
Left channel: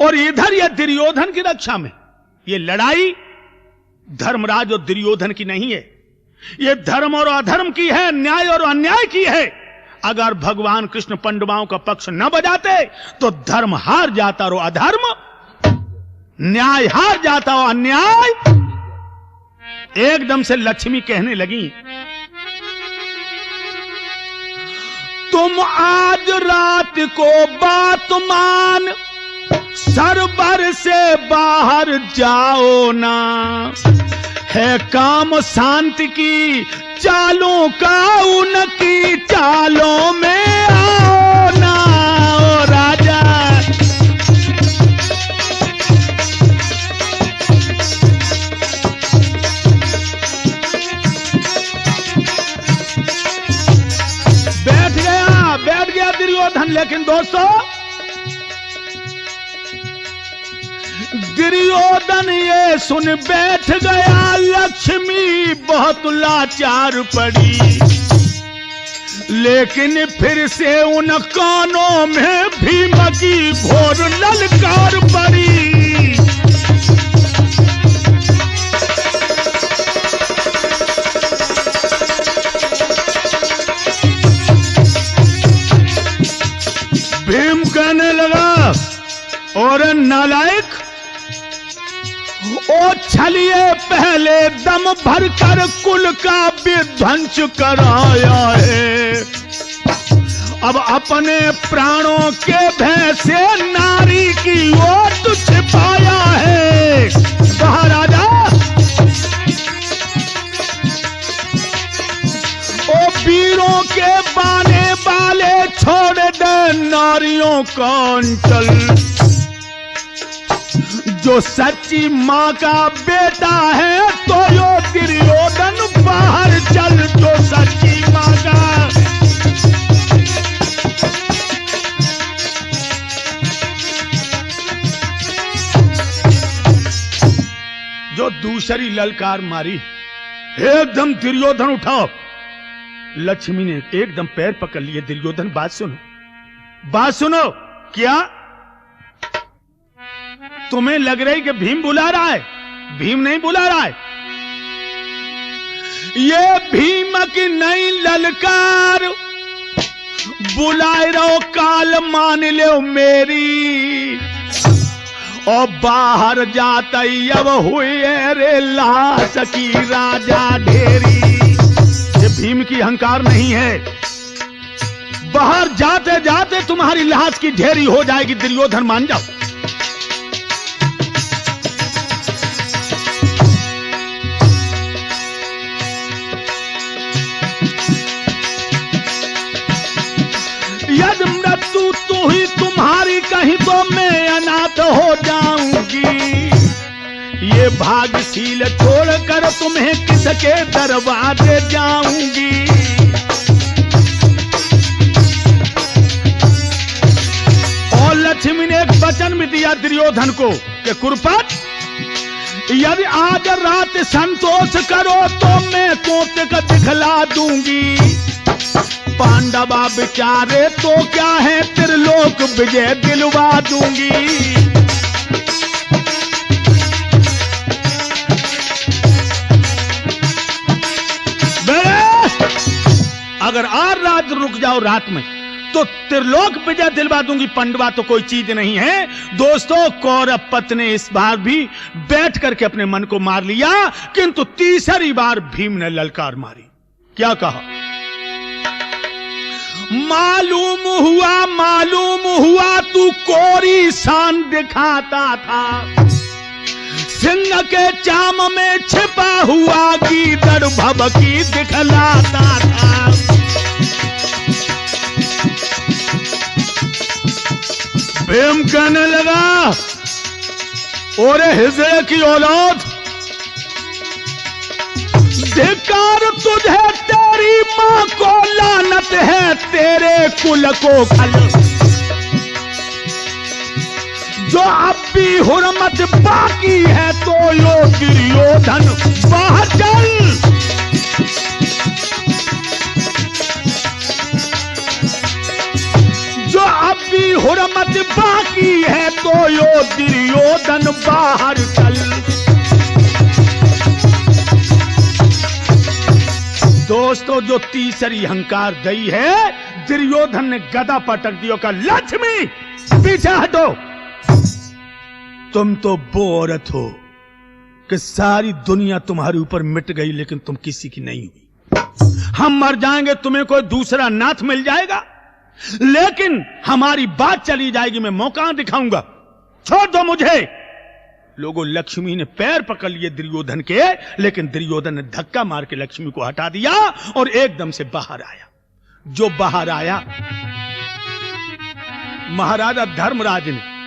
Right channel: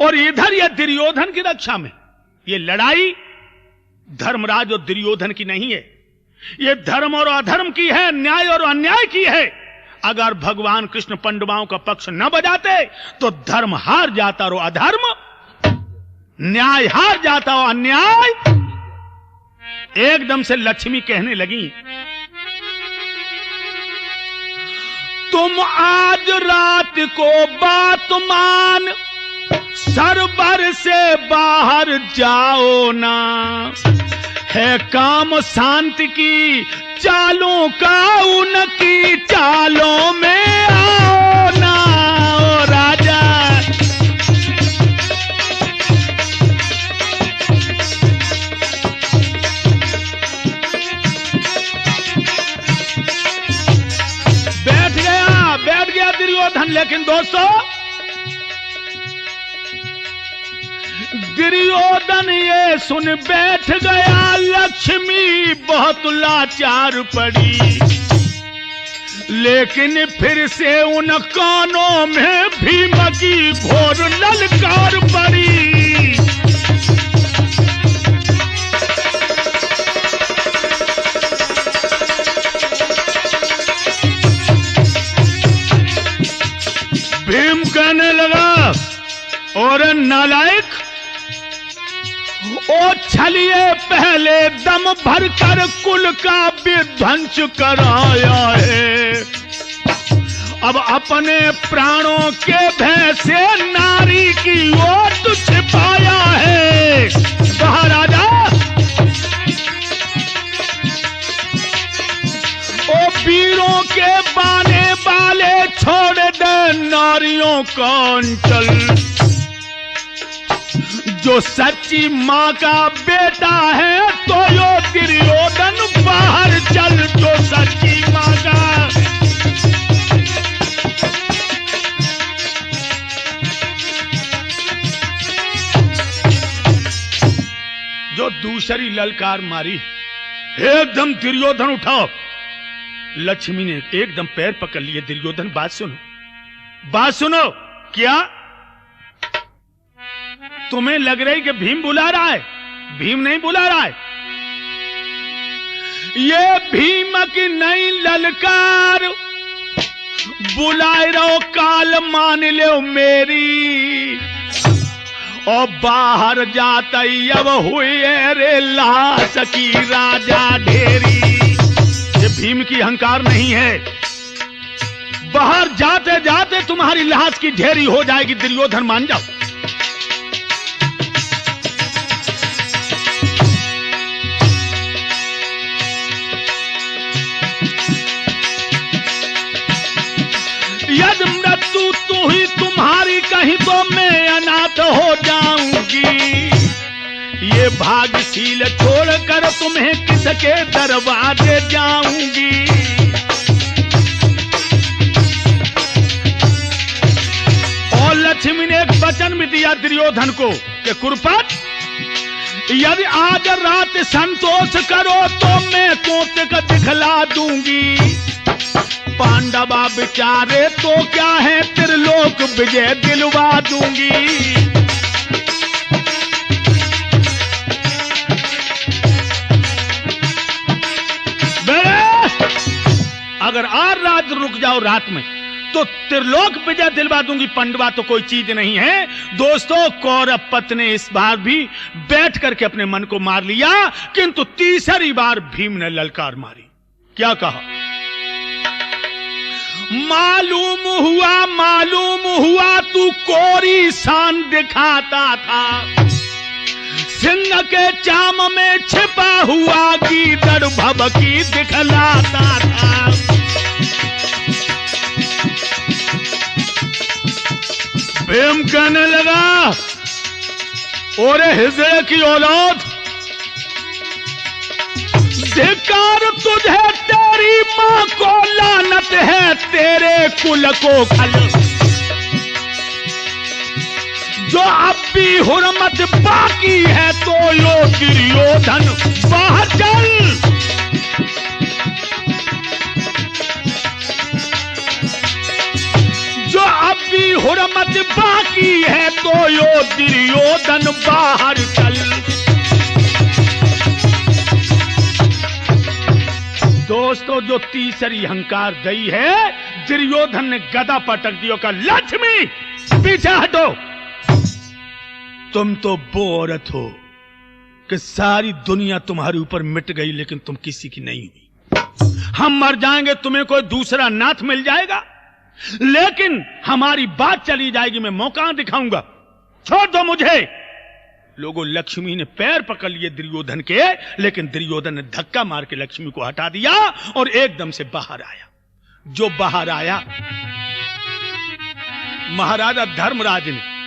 और इधर यह दुर्योधन की रक्षा में। ये लड़ाई धर्मराज और दुर्योधन की नहीं है, ये धर्म और अधर्म की है, न्याय और अन्याय की है। अगर भगवान कृष्ण पांडवों का पक्ष न बजाते तो धर्म हार जाता और अधर्म, न्याय हार जाता और अन्याय। एकदम से लक्ष्मी कहने लगी, तुम आज रात को बात मान, सरबर से बाहर जाओ ना, है काम शांति की चालों का, उनकी चालों में आओ ना। ओ राजा, बैठ गया दुर्योधन। लेकिन दोस्तों, दुर्योधन ये सुन बैठ गया, लक्ष्मी बहुत लाचार पड़ी। लेकिन फिर से उन कानों में भीम की घोर ललकार पड़ी। भीम कहने लगा, और नालायक, ओ छलिए पहले दम भरकर कुल का विध्वंस कराया है। अब अपने प्राणों के भय से नारी की ओट छिपाया है। बाहर आ जा। ओ वीरों के बाने वाले छोड़ दे नारियों का अंचल। जो सच्ची माँ का बेटा है तो यो दुर्योधन बाहर चल। जो सच्ची माँ का, जो दूसरी ललकार मारी, एकदम दुर्योधन उठाओ। लक्ष्मी ने एकदम पैर पकड़ लिए। दुर्योधन बात सुनो, बात सुनो। क्या तुम्हें लग रही कि भीम बुला रहा है? भीम नहीं बुला रहा है, ये भीम की नई ललकार। बुलाए रहो काल मान लो मेरी, और बाहर जाता अब हुई रे लाश की राजा ढेरी। ये भीम की अहंकार नहीं है, बाहर जाते जाते तुम्हारी लाश की ढेरी हो जाएगी। दुर्योधन मान जाओ। यदि मृत्यु तू ही तुम्हारी कहीं तो मैं अनाथ हो जाऊंगी। ये भाग्यशील छोड़कर तुम्हें किसके दरवाजे जाऊंगी। और लक्ष्मी ने एक वचन भी दिया दुर्योधन को कि कुरपत, यदि आज रात संतोष करो तो मैं कौतुक दिखला दूंगी। पांडवा बेचारे तो क्या है, त्रिलोक विजय दिलवा दूंगी। अगर आज रात रुक जाओ रात में तो त्रिलोक विजय दिलवा दूंगी। पांडवा तो कोई चीज नहीं है। दोस्तों, कौरव ने इस बार भी बैठ करके अपने मन को मार लिया, किंतु तीसरी बार भीम ने ललकार मारी। क्या कहा? मालूम हुआ तू कोरी शान दिखाता था। सिंह के चाम में छिपा हुआ गीदड़ भभकी दिखलाता था। भीम कहने लगा, ओरे हिजड़े की औलाद, धिक्कार तुझे, तेरी मां को लानत है, तेरे कुल को खल। जो अब भी हुर्मत बाकी है तो लो दुर्योधन बाहर चल। जो अब भी हुर्मत बाकी है तो यो दुर्योधन बाहर चल। दोस्तों, जो तीसरी अहंकार दई है, दुर्योधन ने गदा पटक दिया, का लक्ष्मी पीछे हटो। तुम तो वो औरत हो कि सारी दुनिया तुम्हारे ऊपर मिट गई लेकिन तुम किसी की नहीं हुई। हम मर जाएंगे, तुम्हें कोई दूसरा नाथ मिल जाएगा, लेकिन हमारी बात चली जाएगी, मैं मौका दिखाऊंगा, छोड़ दो मुझे। लोगों, लक्ष्मी ने पैर पकड़ लिए दुर्योधन के, लेकिन दुर्योधन ने धक्का मार के लक्ष्मी को हटा दिया और एकदम से बाहर आया। जो बाहर आया, महाराजा धर्मराज ने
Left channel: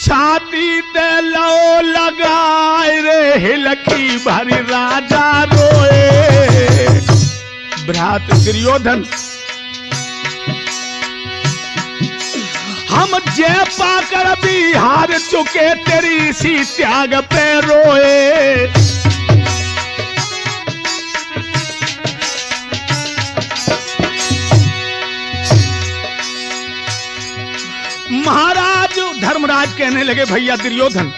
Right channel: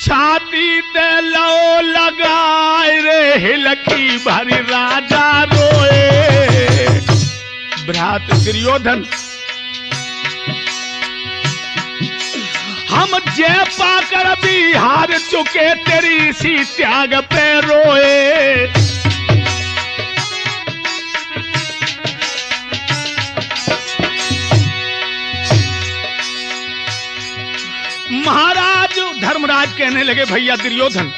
छाती ते लो लगाए रे, हिलकी भरी राजा रोए। भ्रात दुर्योधन, हम जय पाकर भी हार चुके, तेरी सी त्याग पे रोए। महाराज धर्मराज कहने लगे, भैया दुर्योधन,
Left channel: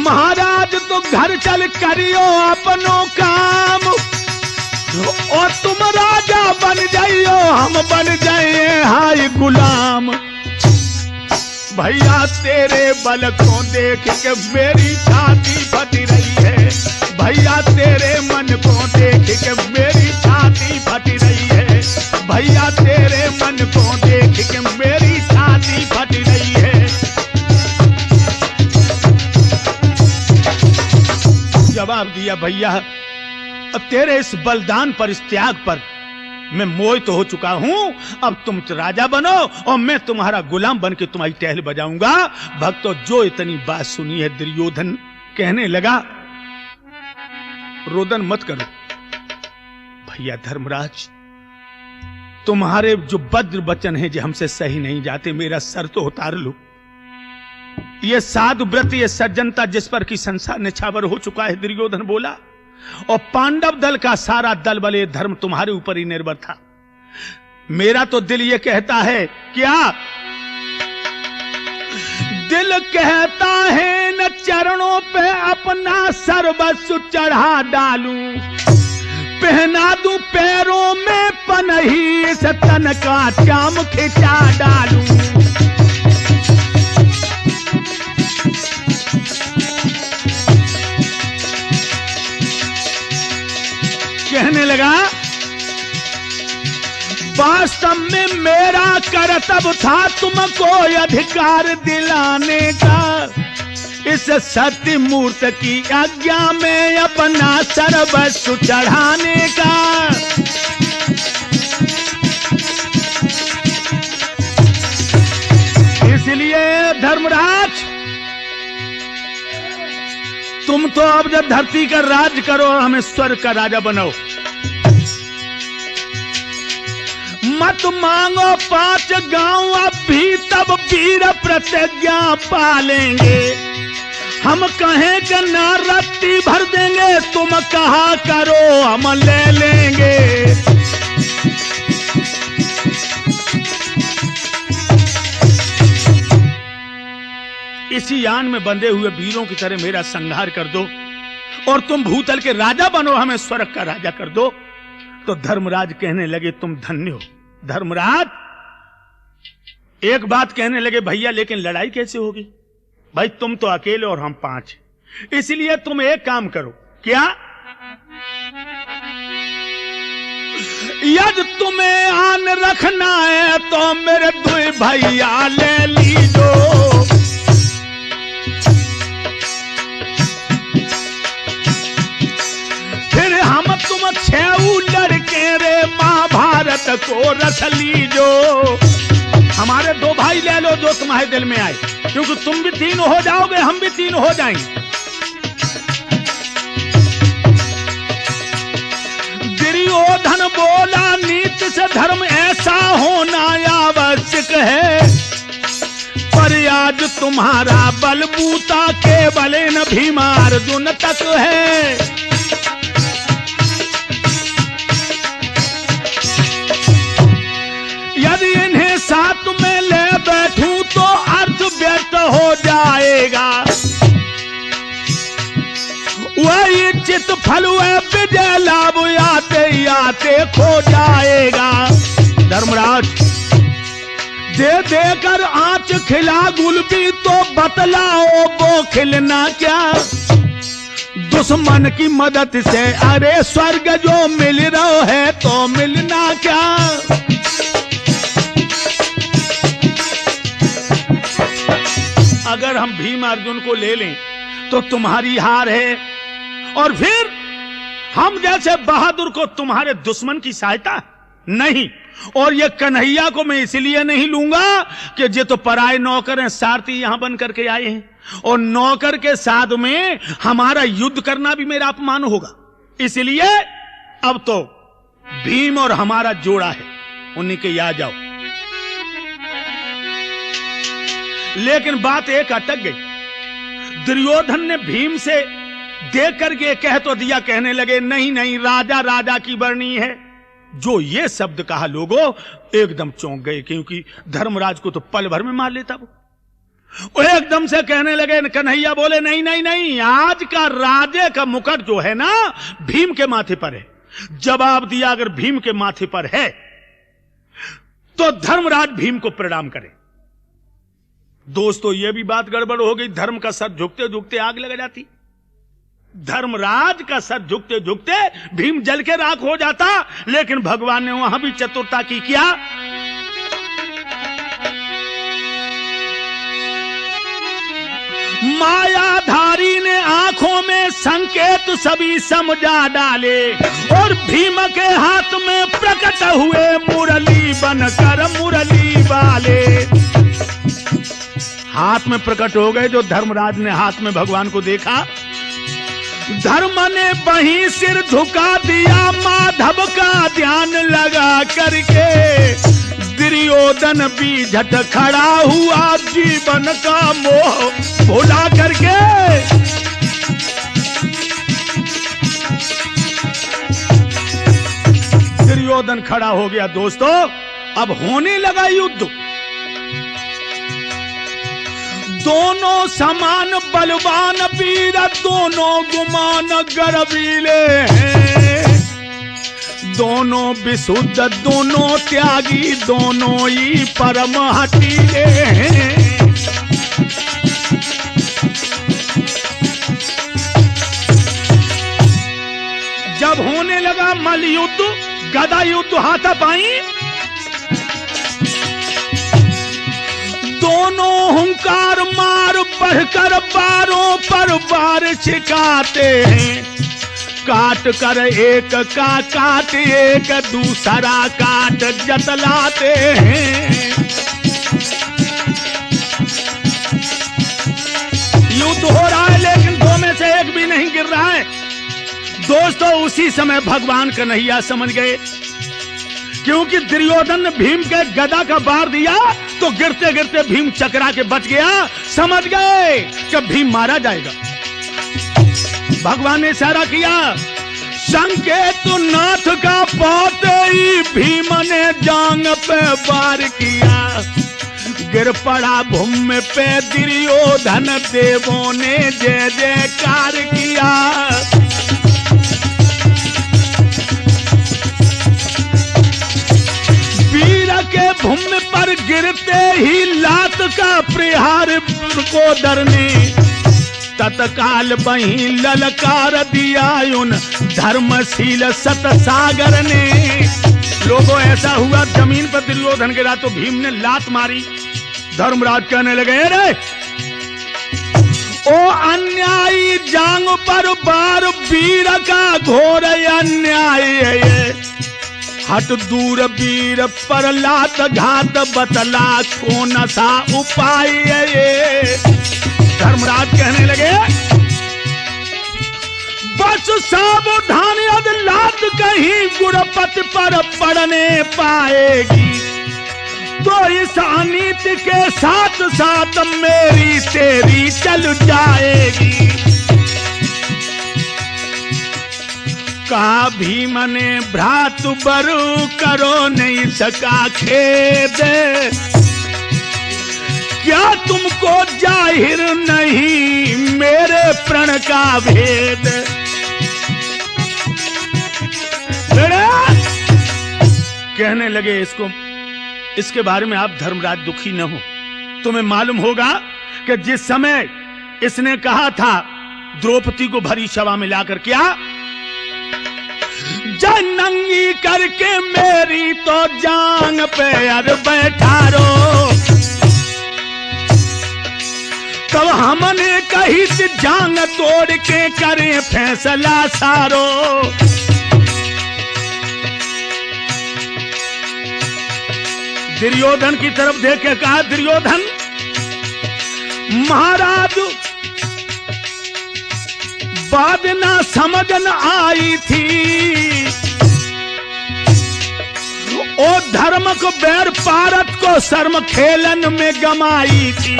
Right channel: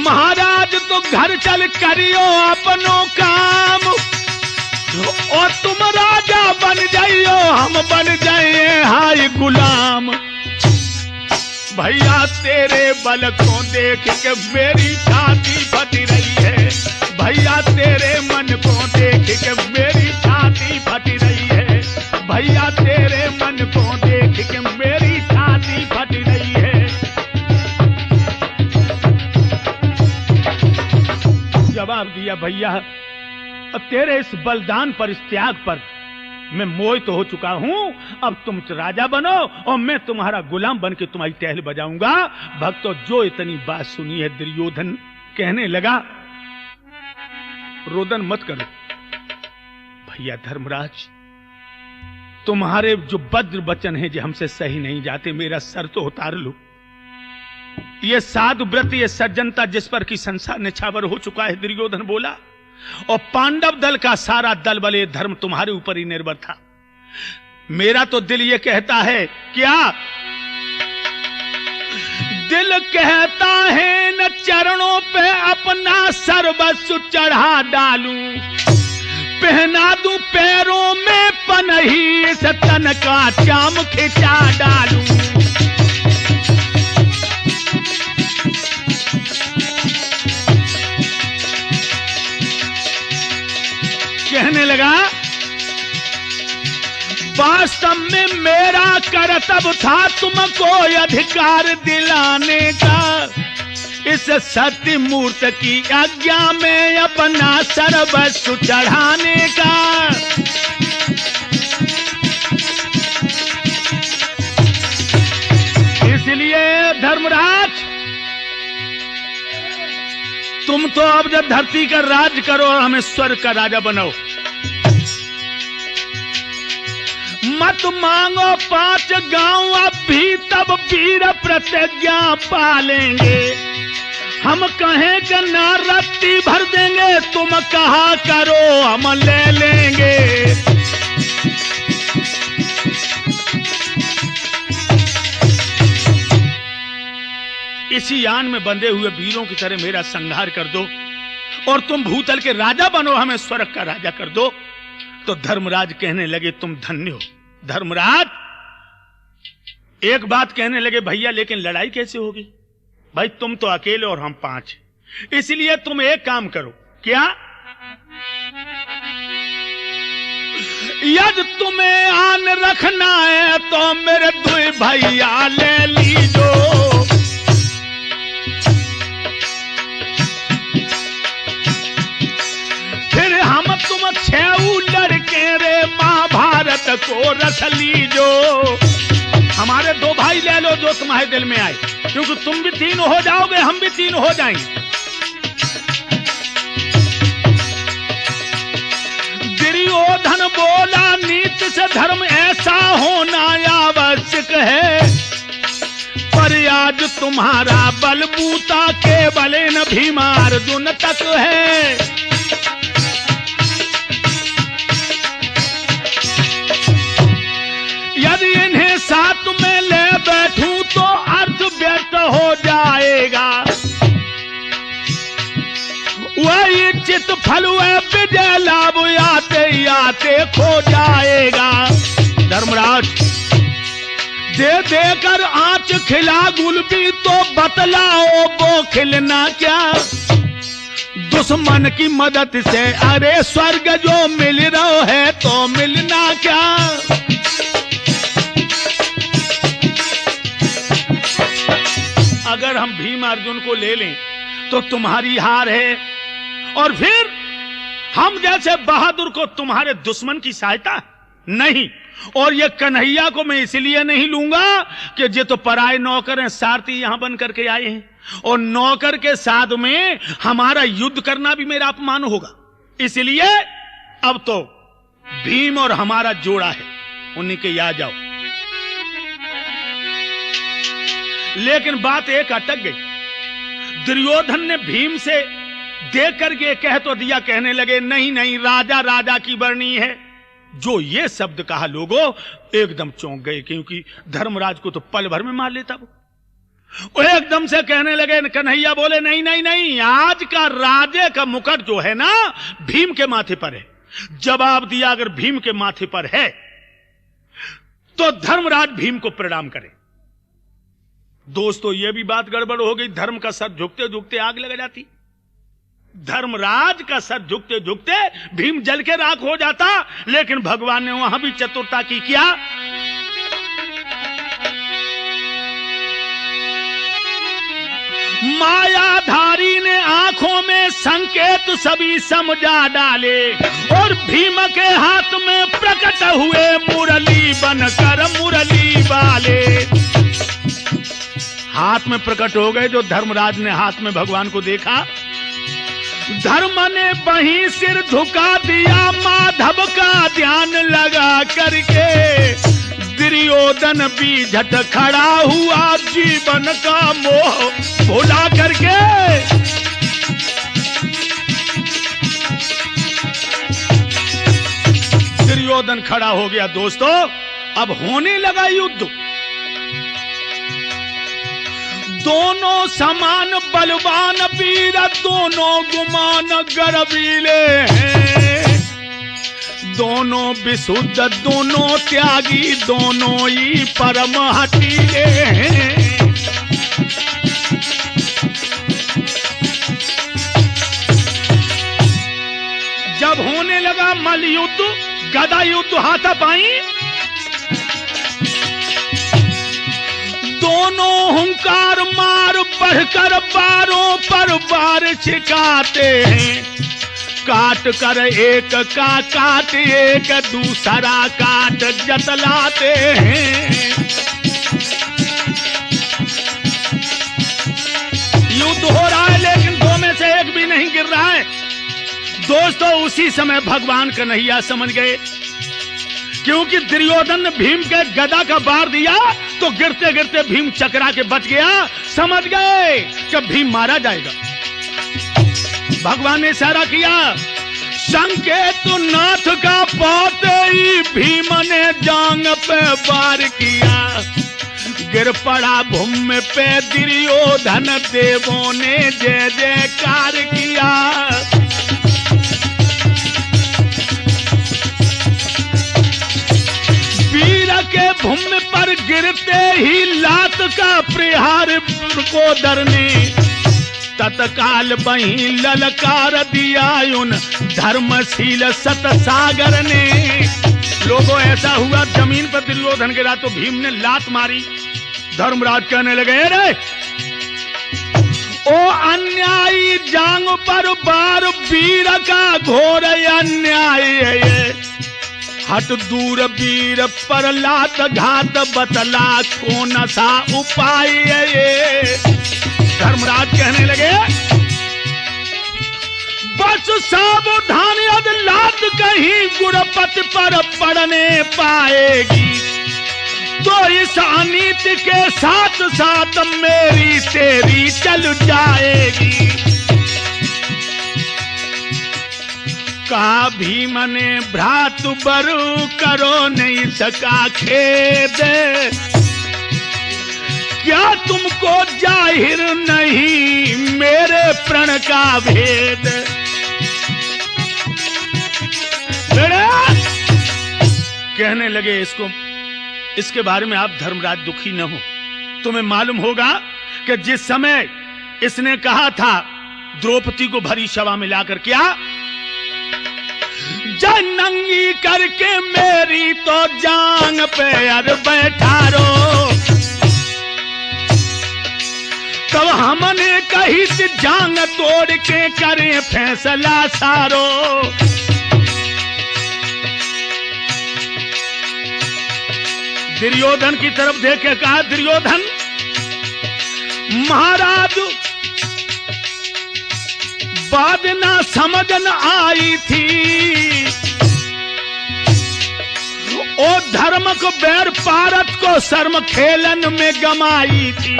महाराज तो घर चल करियो अपनो काम, और तुम राजा बन जाइयो, हम बन जाइए हाय गुलाम। भैया तेरे बल को देख के मेरी छाती फट रही है, भैया तेरे मन को देख के मेरी छाती फट रही है, भैया तेरे मन को देख के मेरी छाती फट रही है। जवाब दिया, भैया तेरे इस बलिदान पर, इस त्याग पर मैं मोहित हो चुका हूं। अब तुम राजा बनो और मैं तुम्हारा गुलाम बन के तुम्हारी टहल बजाऊंगा। भक्तों, जो इतनी बात सुनी है, दुर्योधन कहने लगा, रोदन मत करो भैया धर्मराज, तुम्हारे जो वज्र वचन है जो हमसे सही नहीं जाते, मेरा सर तो उतार लो। ये साधु व्रत, ये सज्जनता जिस पर की संसार निछावर हो चुका है, दुर्योधन बोला, और पांडव दल का सारा दल बले धर्म तुम्हारे ऊपर ही निर्भर था। मेरा तो दिल ये कहता है, क्या दिल कहता है, न चरणों पे अपना सर्वस्व चढ़ा डालूं, पहना दूं पैरों में पनही, से तन का चाम खिंचा डालूं। कहने लगा, वास्तव में मेरा कर्तव्य था तुमको अधिकार दिलाने का, इस सत्य मूर्त की आज्ञा में अपना सर्वस्व चढ़ाने का। इसलिए धर्मराज, तुम तो अब जब धरती का राज करो, हमें स्वर्ग का राजा बनाओ। मत मांगो 5 गांव, अब भी तब वीर प्रतिज्ञा पालेंगे। हम कहें कि ना रत्ती भर देंगे, तुम कहा करो हम ले लेंगे। इसी यान में बंधे हुए वीरों की तरह मेरा संहार कर दो और तुम भूतल के राजा बनो, हमें स्वर्ग का राजा कर दो। तो धर्मराज कहने लगे, तुम धन्य हो। धर्मराज एक बात कहने लगे, भैया लेकिन लड़ाई कैसे होगी? भाई तुम तो अकेले और हम 5, इसलिए तुम एक काम करो। क्या? यदि तुम्हें आन रखना है तो मेरे 2 भैया ले लीजो, को रख लीजो। हमारे 2 भाई ले लो जो तुम्हारे दिल में आए, क्योंकि तुम भी 3 हो जाओगे, हम भी 3 हो जाएंगे। दुर्योधन बोला नीति से धर्म ऐसा होना आवश्यक है, पर आज तुम्हारा बलबूता केवल न भीमार्जुन तक है। यदि इन्हें साथ में ले बैठूं तो अर्थ व्यर्थ हो जाएगा, वही चित फल वह विजय लाभ आते आते खो जाएगा। धर्मराज दे देकर आंच खिला गुलबी तो बतलाओ वो खिलना क्या, दुश्मन की मदद से अरे स्वर्ग जो मिल रहा है तो मिलना क्या। अगर हम भीम अर्जुन को ले लें तो तुम्हारी हार है, और फिर हम जैसे बहादुर को तुम्हारे दुश्मन की सहायता नहीं। और ये कन्हैया को मैं इसलिए नहीं लूंगा कि ये तो पराए नौकर हैं, सारथी यहां बन करके आए हैं, और नौकर के साथ में हमारा युद्ध करना भी मेरा अपमान होगा। इसलिए अब तो भीम और हमारा जोड़ा है, उन्हीं के याद जाओ। लेकिन बात एक अटक गई। दुर्योधन ने भीम से देख करके कह तो दिया, कहने लगे नहीं नहीं राजा राजा की बरनी है। जो ये शब्द कहा लोगों एकदम चौंक गए, क्योंकि धर्मराज को तो पल भर में मार लेता वो एकदम से कहने लगे। कन्हैया बोले नहीं नहीं नहीं, आज का राजे का मुकुट जो है ना भीम के माथे पर है। जवाब दिया अगर भीम के माथे पर है तो धर्मराज भीम को प्रणाम करे। दोस्तों ये भी बात गड़बड़ हो गई, धर्म का सर झुकते झुकते आग लग जाती। धर्मराज का सर झुकते झुकते भीम जल के राख हो जाता, लेकिन भगवान ने वहां भी चतुरता की। क्या? मायाधारी ने आंखों में संकेत सभी समझा डाले, और भीम के हाथ में प्रकट हुए मुरली बनकर मुरली वाले। हाथ में प्रकट हो गए। जो धर्मराज ने हाथ में भगवान को देखा, धर्म ने वहीं सिर झुका दिया, माधव का ध्यान लगा करके। दुर्योधन भी झट खड़ा हुआ, जीवन का मोह भुला करके। दुर्योधन खड़ा हो गया। दोस्तों अब होने लगा युद्ध। दोनों समान बलवान वीर, दोनों गुमान गर्वीले हैं। दोनों विशुद्ध, दोनों त्यागी, दोनों ही परम हठीले हैं। जब होने लगा मल्ल युद्ध, गदा युद्ध, हाथापाई, दोनों हुंकार मार बढ़कर बारों पर बार छिकाते हैं। काट कर एक का काट एक दूसरा काट जतलाते हैं। युद्ध हो रहा है लेकिन दो में से एक भी नहीं गिर रहा है। दोस्तों उसी समय भगवान कन्हैया समझ गए, क्योंकि दुर्योधन ने भीम के गदा का बार दिया तो गिरते गिरते भीम चकरा के बच गया। समझ गए कि भीम मारा जाएगा। भगवान ने इशारा किया, संकेत नाथ का पाते ही भीम ने जांग पे वार किया। गिर पड़ा भूमि पे दुर्योधन, देवों ने जय जयकार किया। भूमि पर गिरते ही लात का प्रहार को डरने, तत्काल वहीं ललकार दिया उन धर्मशील सतसागर ने। लोगों ऐसा हुआ जमीन पर दुर्योधन गिरा तो भीम ने लात मारी। धर्मराज कहने लगे, रे ओ अन्यायी जांग पर बार वीर का घोर अन्याय है। हट दूर वीर पर लात घात बतला को नशा उपाय। धर्मराज कहने लगे बस सावधान यद लात कहीं गुरपति पर पड़ने पाएगी तो इस अनीति के साथ साथ मेरी तेरी चल जाएगी। कहा भीम ने भ्रातु बरु करो नहीं सका खेद क्या तुमको जाहिर नहीं मेरे प्रण का भेद। कहने लगे इसके बारे में आप धर्मराज दुखी न हो। तुम्हें मालूम होगा कि जिस समय इसने कहा था द्रौपदी को भरी सभा में लाकर क्या जनंगी करके मेरी तो जांग पे अर बैठारो तब हमने कही जांग तोड़ के करें फैसला सारो। दुर्योधन की तरफ देख के कहा दुर्योधन महाराज बात ना समझ न आई थी ओ धर्म को बैर पारत को शर्म खेलन में गमाई थी।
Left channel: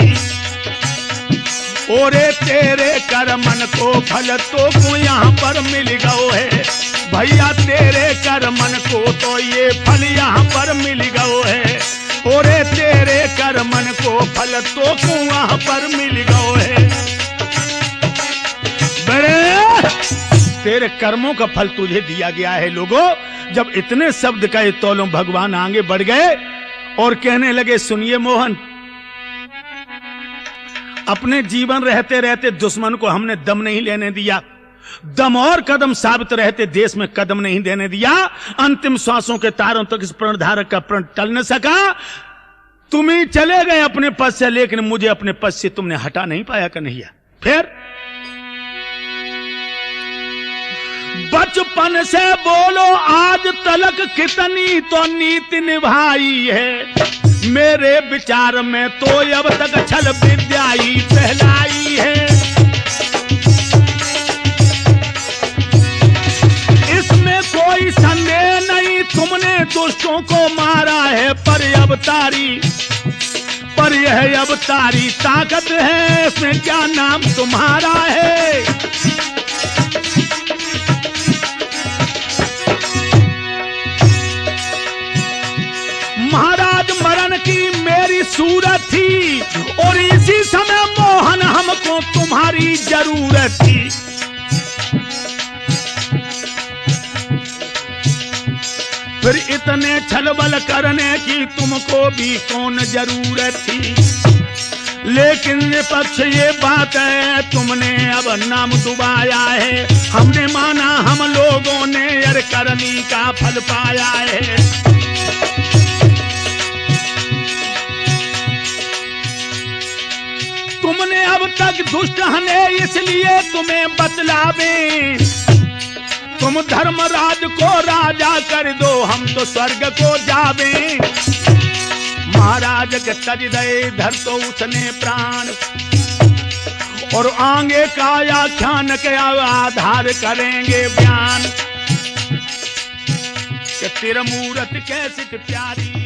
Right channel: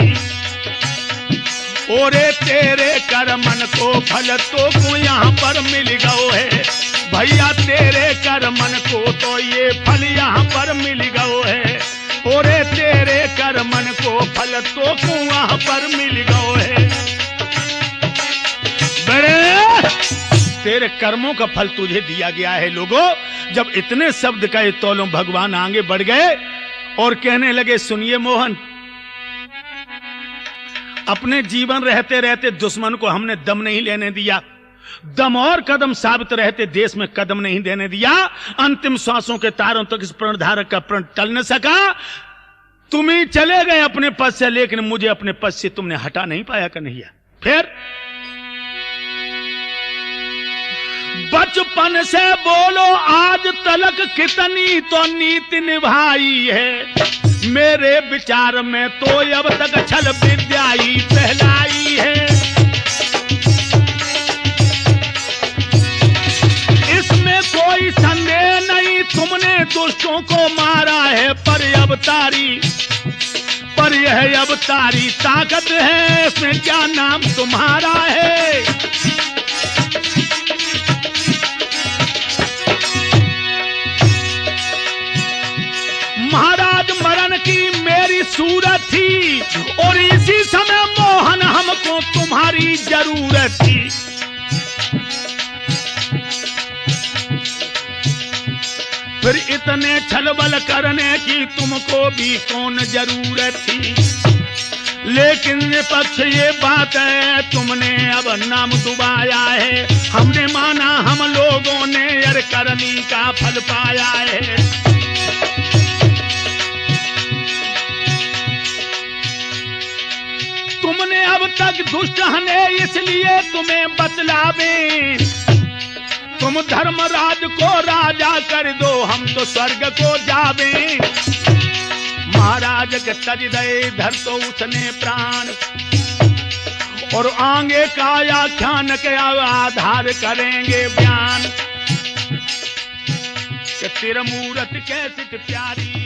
ओरे तेरे कर मन को फल तो यहाँ पर मिल गयो है भैया तेरे कर मन को तो ये फल यहाँ पर मिल गयो है। ओरे तेरे कर मन को फल तो वहाँ पर मिल गयो है। बड़े तेरे कर्मों का फल तुझे दिया गया है। लोगों जब इतने शब्द कहे तोलों भगवान आगे बढ़ गए और कहने लगे सुनिए मोहन अपने जीवन रहते रहते दुश्मन को हमने दम नहीं लेने दिया दम और कदम साबित रहते देश में कदम नहीं देने दिया। अंतिम सांसों के तारों तक इस प्रणधारक का प्रण टल न सका। तुम ही चले गए अपने पद से लेकिन मुझे अपने पद से तुमने हटा नहीं पाया कन्हैया। फिर बचपन से बोलो आज तलक कितनी तो नीति निभाई है मेरे विचार में तो अब तक छल विद्या ही फैलाई है। इसमें कोई संदेह नहीं तुमने दुष्टों को मारा है पर यह अवतारी ताकत है इसमें क्या नाम तुम्हारा है। महाराज मरण की मेरी सूरत थी और इसी समय मोहन हमको तुम्हारी जरूरत थी। फिर इतने छलबल करने की तुमको भी कौन जरूरत थी। लेकिन विपक्ष ये बात है तुमने अब नाम डुबाया है हमने माना हम लोगों ने यार करनी का फल पाया है। तुमने अब तक दुष्ट हने इसलिए तुम्हें बतलावे तुम धर्मराज को राजा कर दो हम तो स्वर्ग को जावे। महाराज के तज दे धर तो उसने प्राण और आगे का आख्यान के आधार करेंगे बयान कि तेरा मूरत कैसी प्यारी